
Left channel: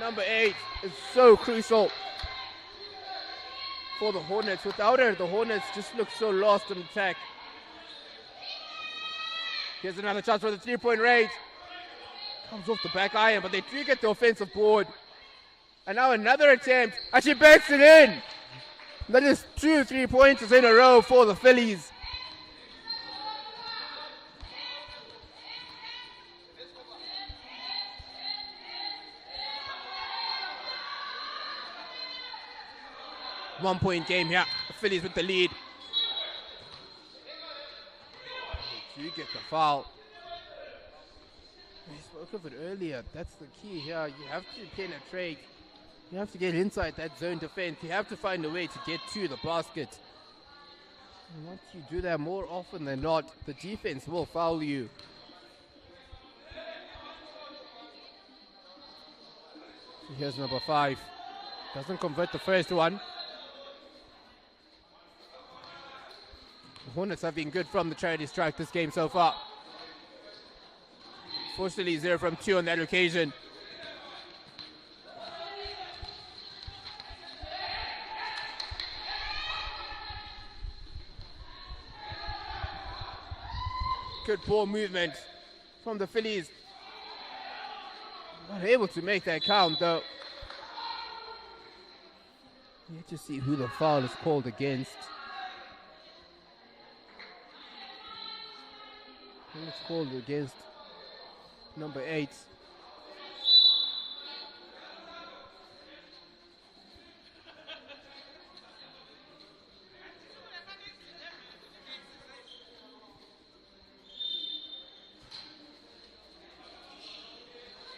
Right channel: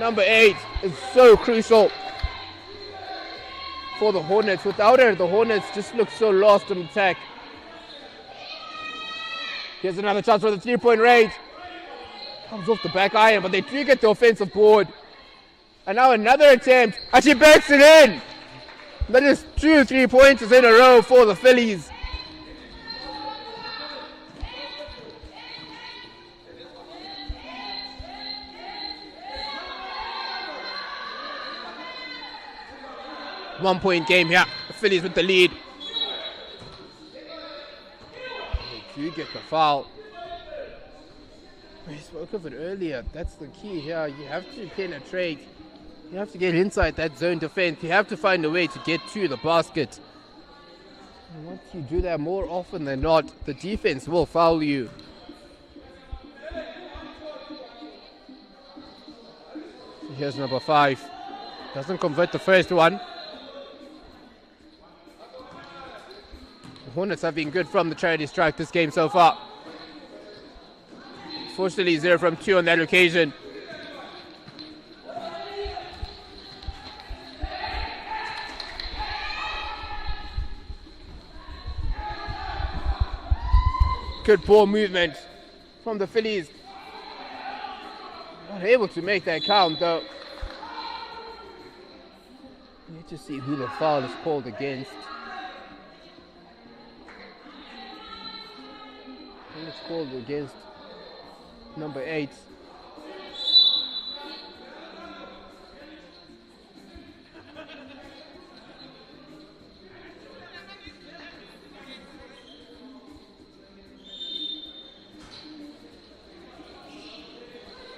Number 8 is so crucial for the Hornets. Without her, the Hornets just look so lost in attack. Here's another chance for the three-point range. Comes off the back iron, but they do get the offensive board. And now another attempt, and she backs it in. That is 2 3-pointers in a row for the Phillies. One-point game here. The Phillies with the lead. They do get the foul. We spoke of it earlier. That's the key here. You have to penetrate. You have to get inside that zone defense. You have to find a way to get to the basket. And once you do that more often than not, the defense will foul you. So here's number 5. Doesn't convert the first one. The Hornets have been good from the charity strike this game so far. Fortunately, 0 from 2 on that occasion. Good ball movement from the Phillies. Not able to make that count though. Let's just see who the foul is called against. It's called against number 8.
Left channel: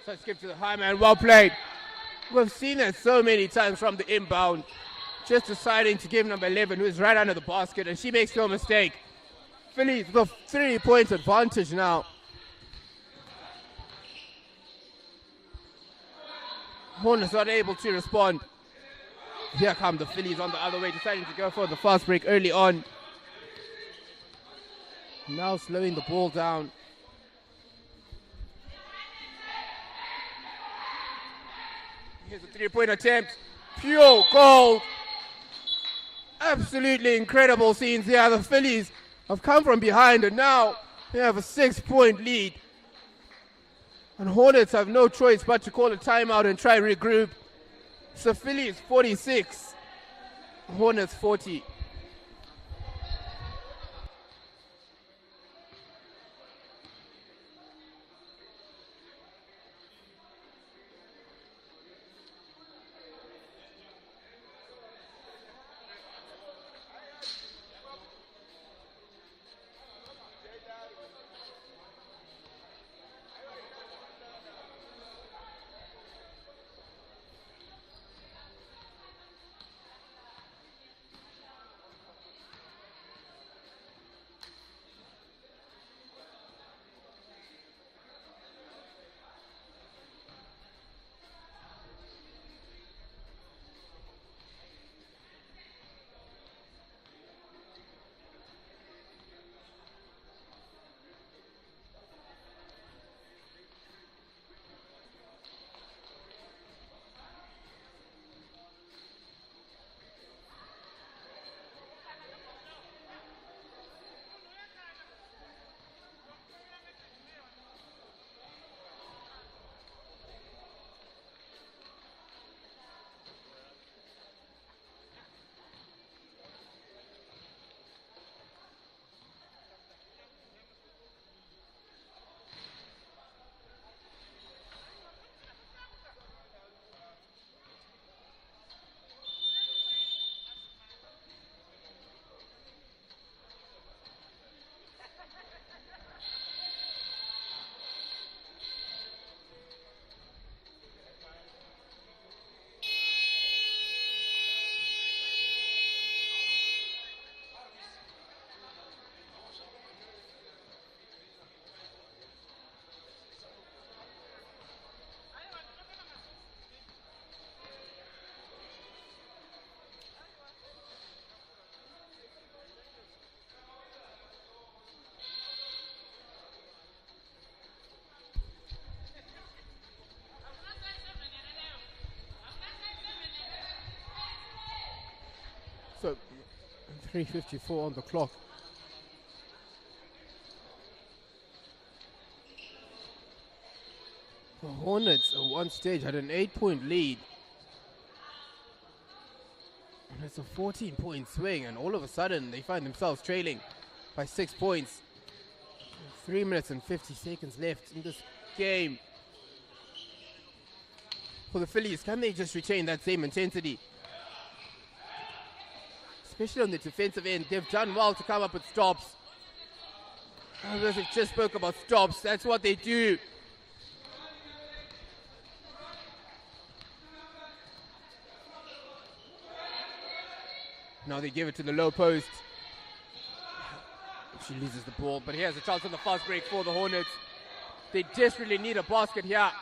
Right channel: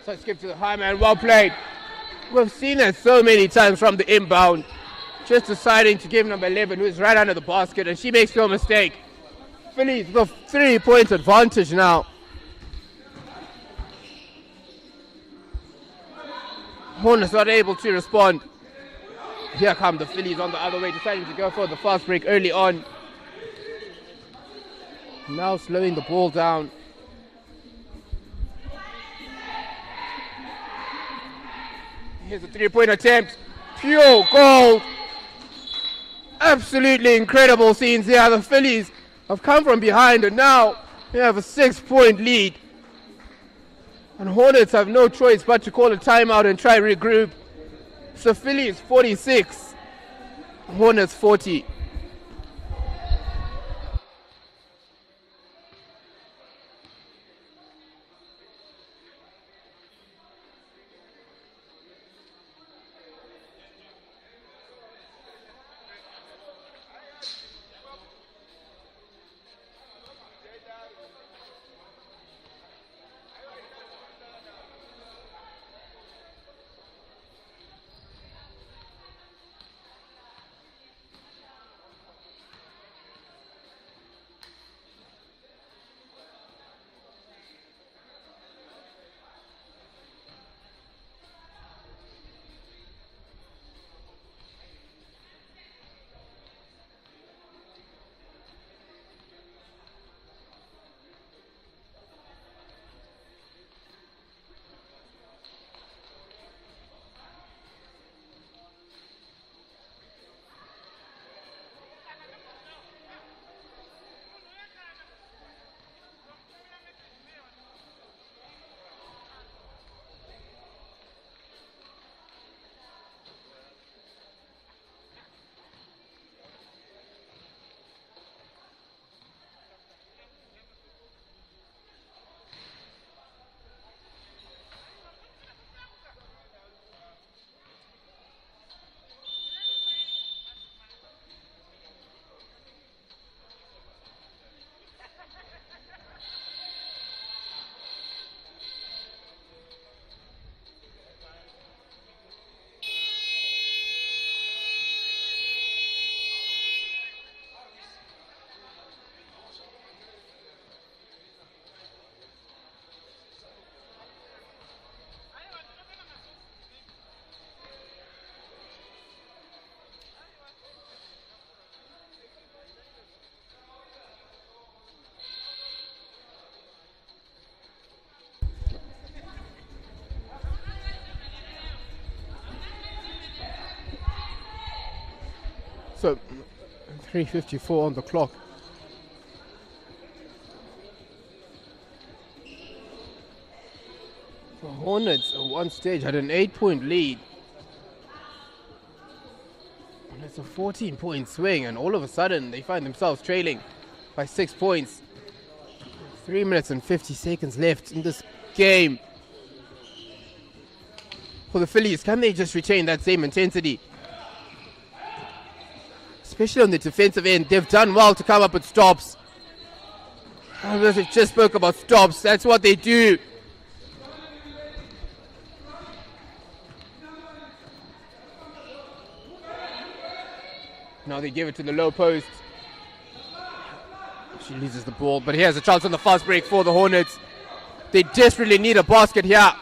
So skip to the high man, well played. We've seen it so many times from the inbound. Just deciding to give number 11, who is right under the basket, and she makes no mistake. Phillies with a 3-point advantage now. Hornets not able to respond. Here come the Phillies on the other way, deciding to go for the fast break early on. Now slowing the ball down. Here's a 3-point attempt. Pure gold. Absolutely incredible scenes here. The Phillies have come from behind and now they have a 6-point lead. And Hornets have no choice but to call a timeout and try regroup. So Phillies 46, Hornets 40. So 3:54 on the clock. The Hornets at one stage had an 8-point lead. And it's a 14-point swing, and all of a sudden they find themselves trailing by 6 points. 3 minutes and 50 seconds left in this game. For the Phillies, can they just retain that same intensity? Especially on the defensive end, they've done well to come up with stops. As we just spoke about stops, that's what they do. Now they give it to the low post. She loses the ball, but here's a chance on the fast break for the Hornets. They desperately need a basket here.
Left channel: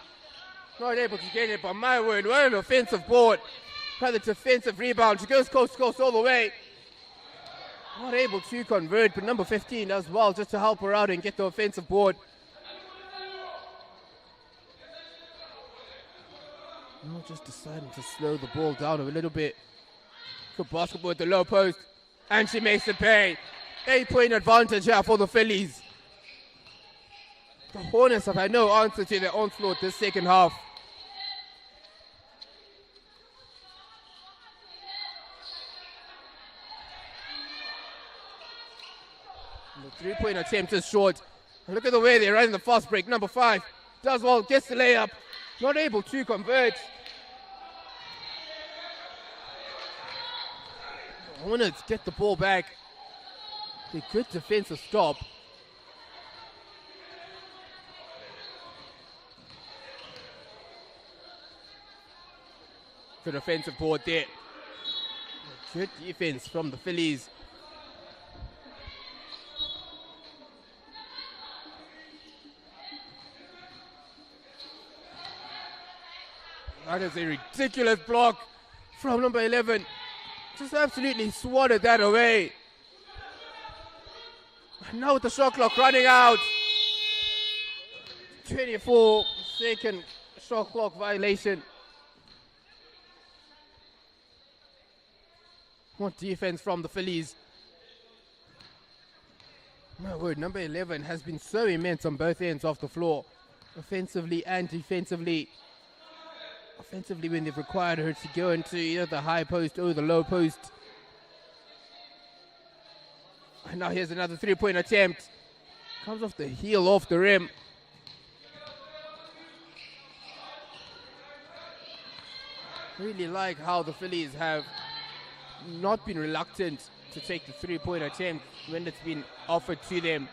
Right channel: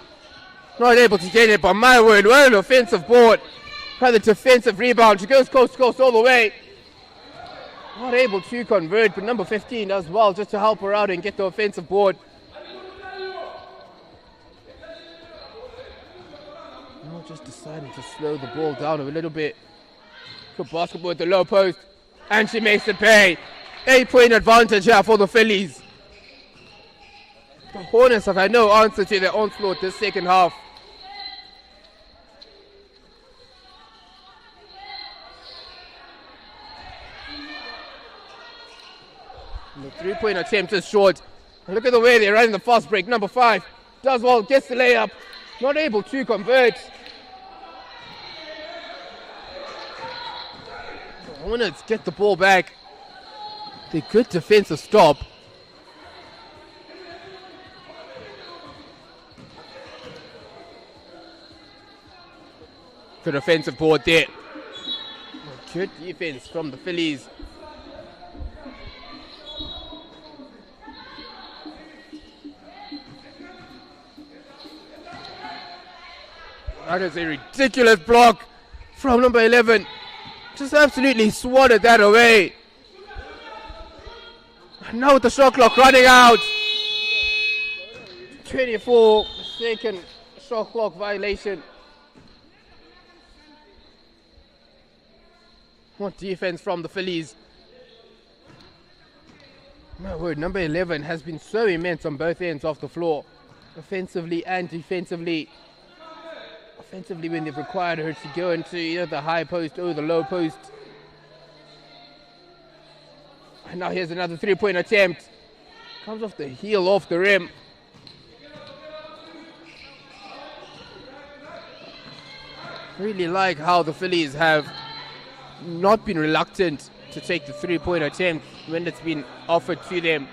Not able to get it, but my word, what an offensive board. By the defensive rebound, she goes coast to coast all the way. Not able to convert, but number 15 does well just to help her out and get the offensive board. Now just deciding to slow the ball down a little bit. Good basketball at the low post, and she makes it pay. 8-point advantage here for the Phillies. The Hornets have had no answer to their onslaught this second half. And the 3-point attempt is short. And look at the way they're running the fast break. Number 5 does well, gets the layup, not able to convert. The Hornets get the ball back. The good defensive stop. Good offensive board there. Good defense from the Phillies. That is a ridiculous block from number 11. Just absolutely swatted that away. And now with the shot clock running out. 24-second shot clock violation. What defense from the Phillies. My word, number 11 has been so immense on both ends of the floor. Offensively and defensively. Offensively when they've required her to go into either the high post or the low post. And now here's another 3-point attempt. Comes off the heel, off the rim. Really like how the Phillies have not been reluctant to take the 3-point attempt when it's been offered to them.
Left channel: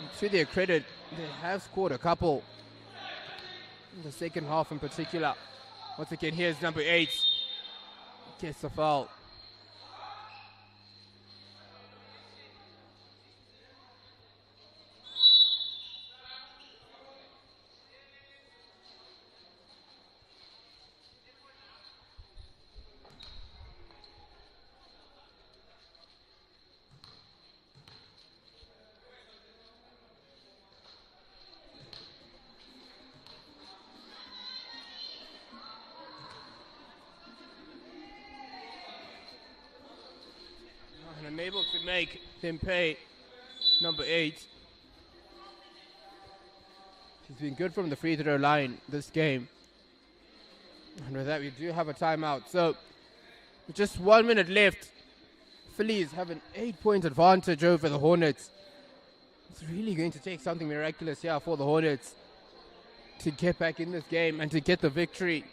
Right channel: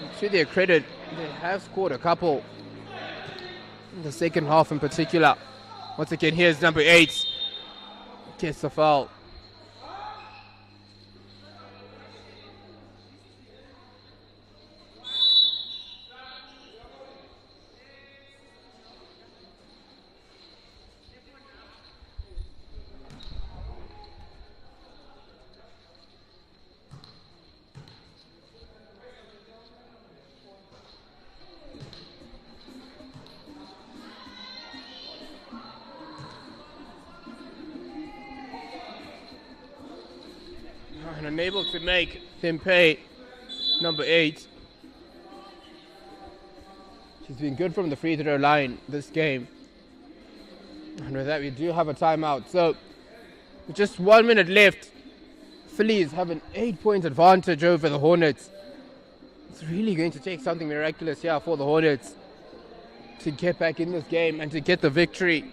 And to their credit, they have scored a couple in the second half in particular. Once again, here's number 8. Gets the foul. And unable to make him pay. Number 8. She's been good from the free throw line this game. And with that, we do have a timeout. So, with just 1 minute left, Phillies have an 8-point advantage over the Hornets. It's really going to take something miraculous here for the Hornets to get back in this game and to get the victory.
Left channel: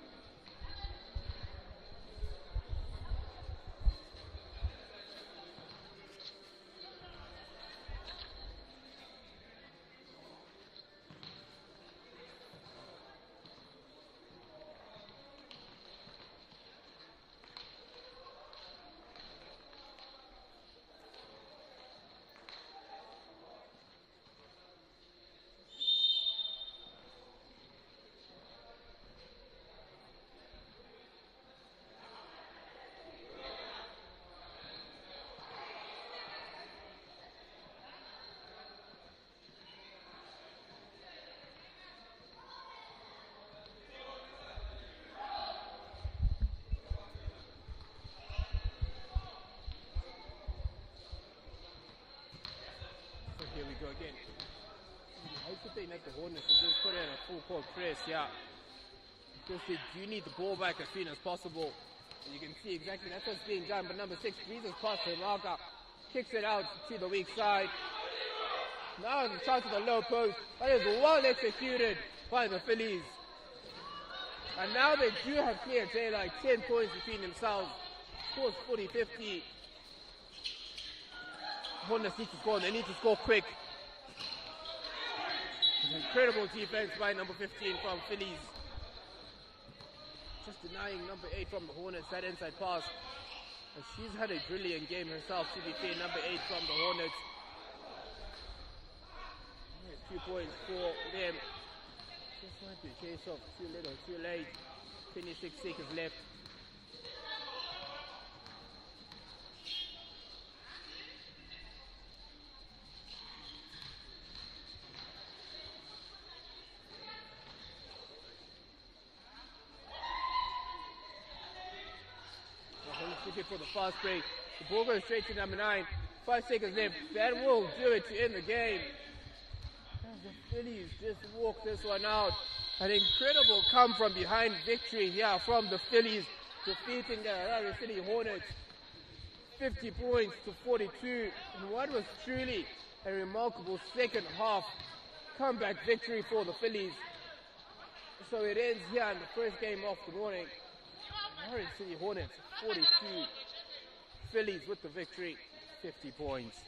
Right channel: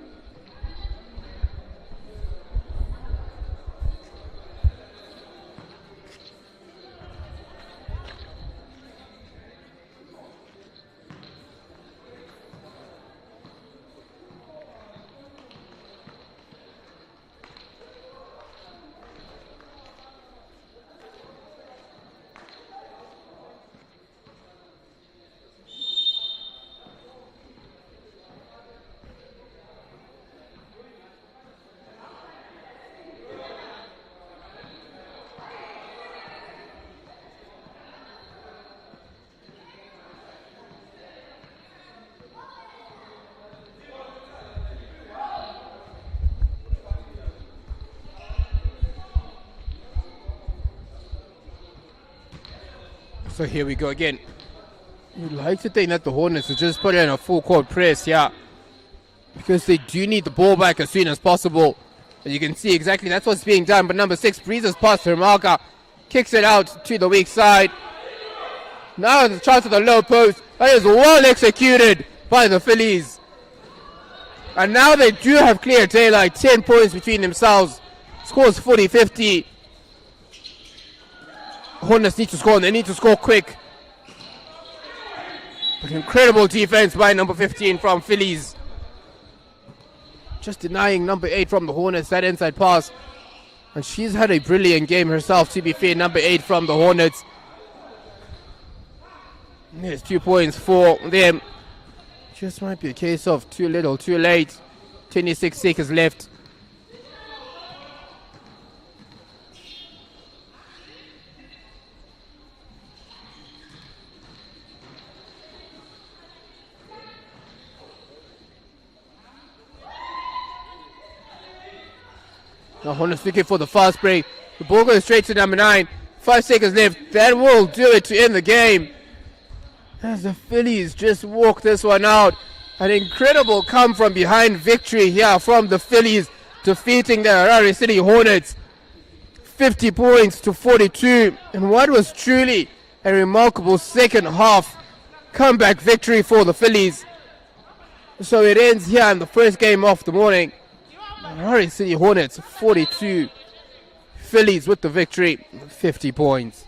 So here we go again. You'd like to think that the Hornets will just put in a full court press here, because they do need the ball back as soon as possible. And you can see exactly that's what's being done. But number 6 breezes past Hermaka, kicks it out to the weak side. Now the chance of the low post. That is well executed by the Phillies. And now they do have clear daylight, 10 points between themselves. Scores 40-50. Hornets need to score, and they need to score quick. But incredible defense by number 15 from Phillies. Just denying number 8 from the Hornets that inside pass. And she's had a brilliant game herself, to be fair, number 8 from the Hornets. There's 2 points for them. Just might be a case of too little, too late. 26 seconds left. Now Hornets looking for the fast break. The ball goes straight to number 9. 5 seconds left. That will do it to end the game. As the Phillies just walk this one out. An incredible come from behind victory here from the Phillies, defeating the Harare City Hornets 50 points to 42. And what was truly a remarkable second half comeback victory for the Phillies. So it ends here in the first game of the morning. Harare City Hornets 42. Phillies with the victory, 50 points.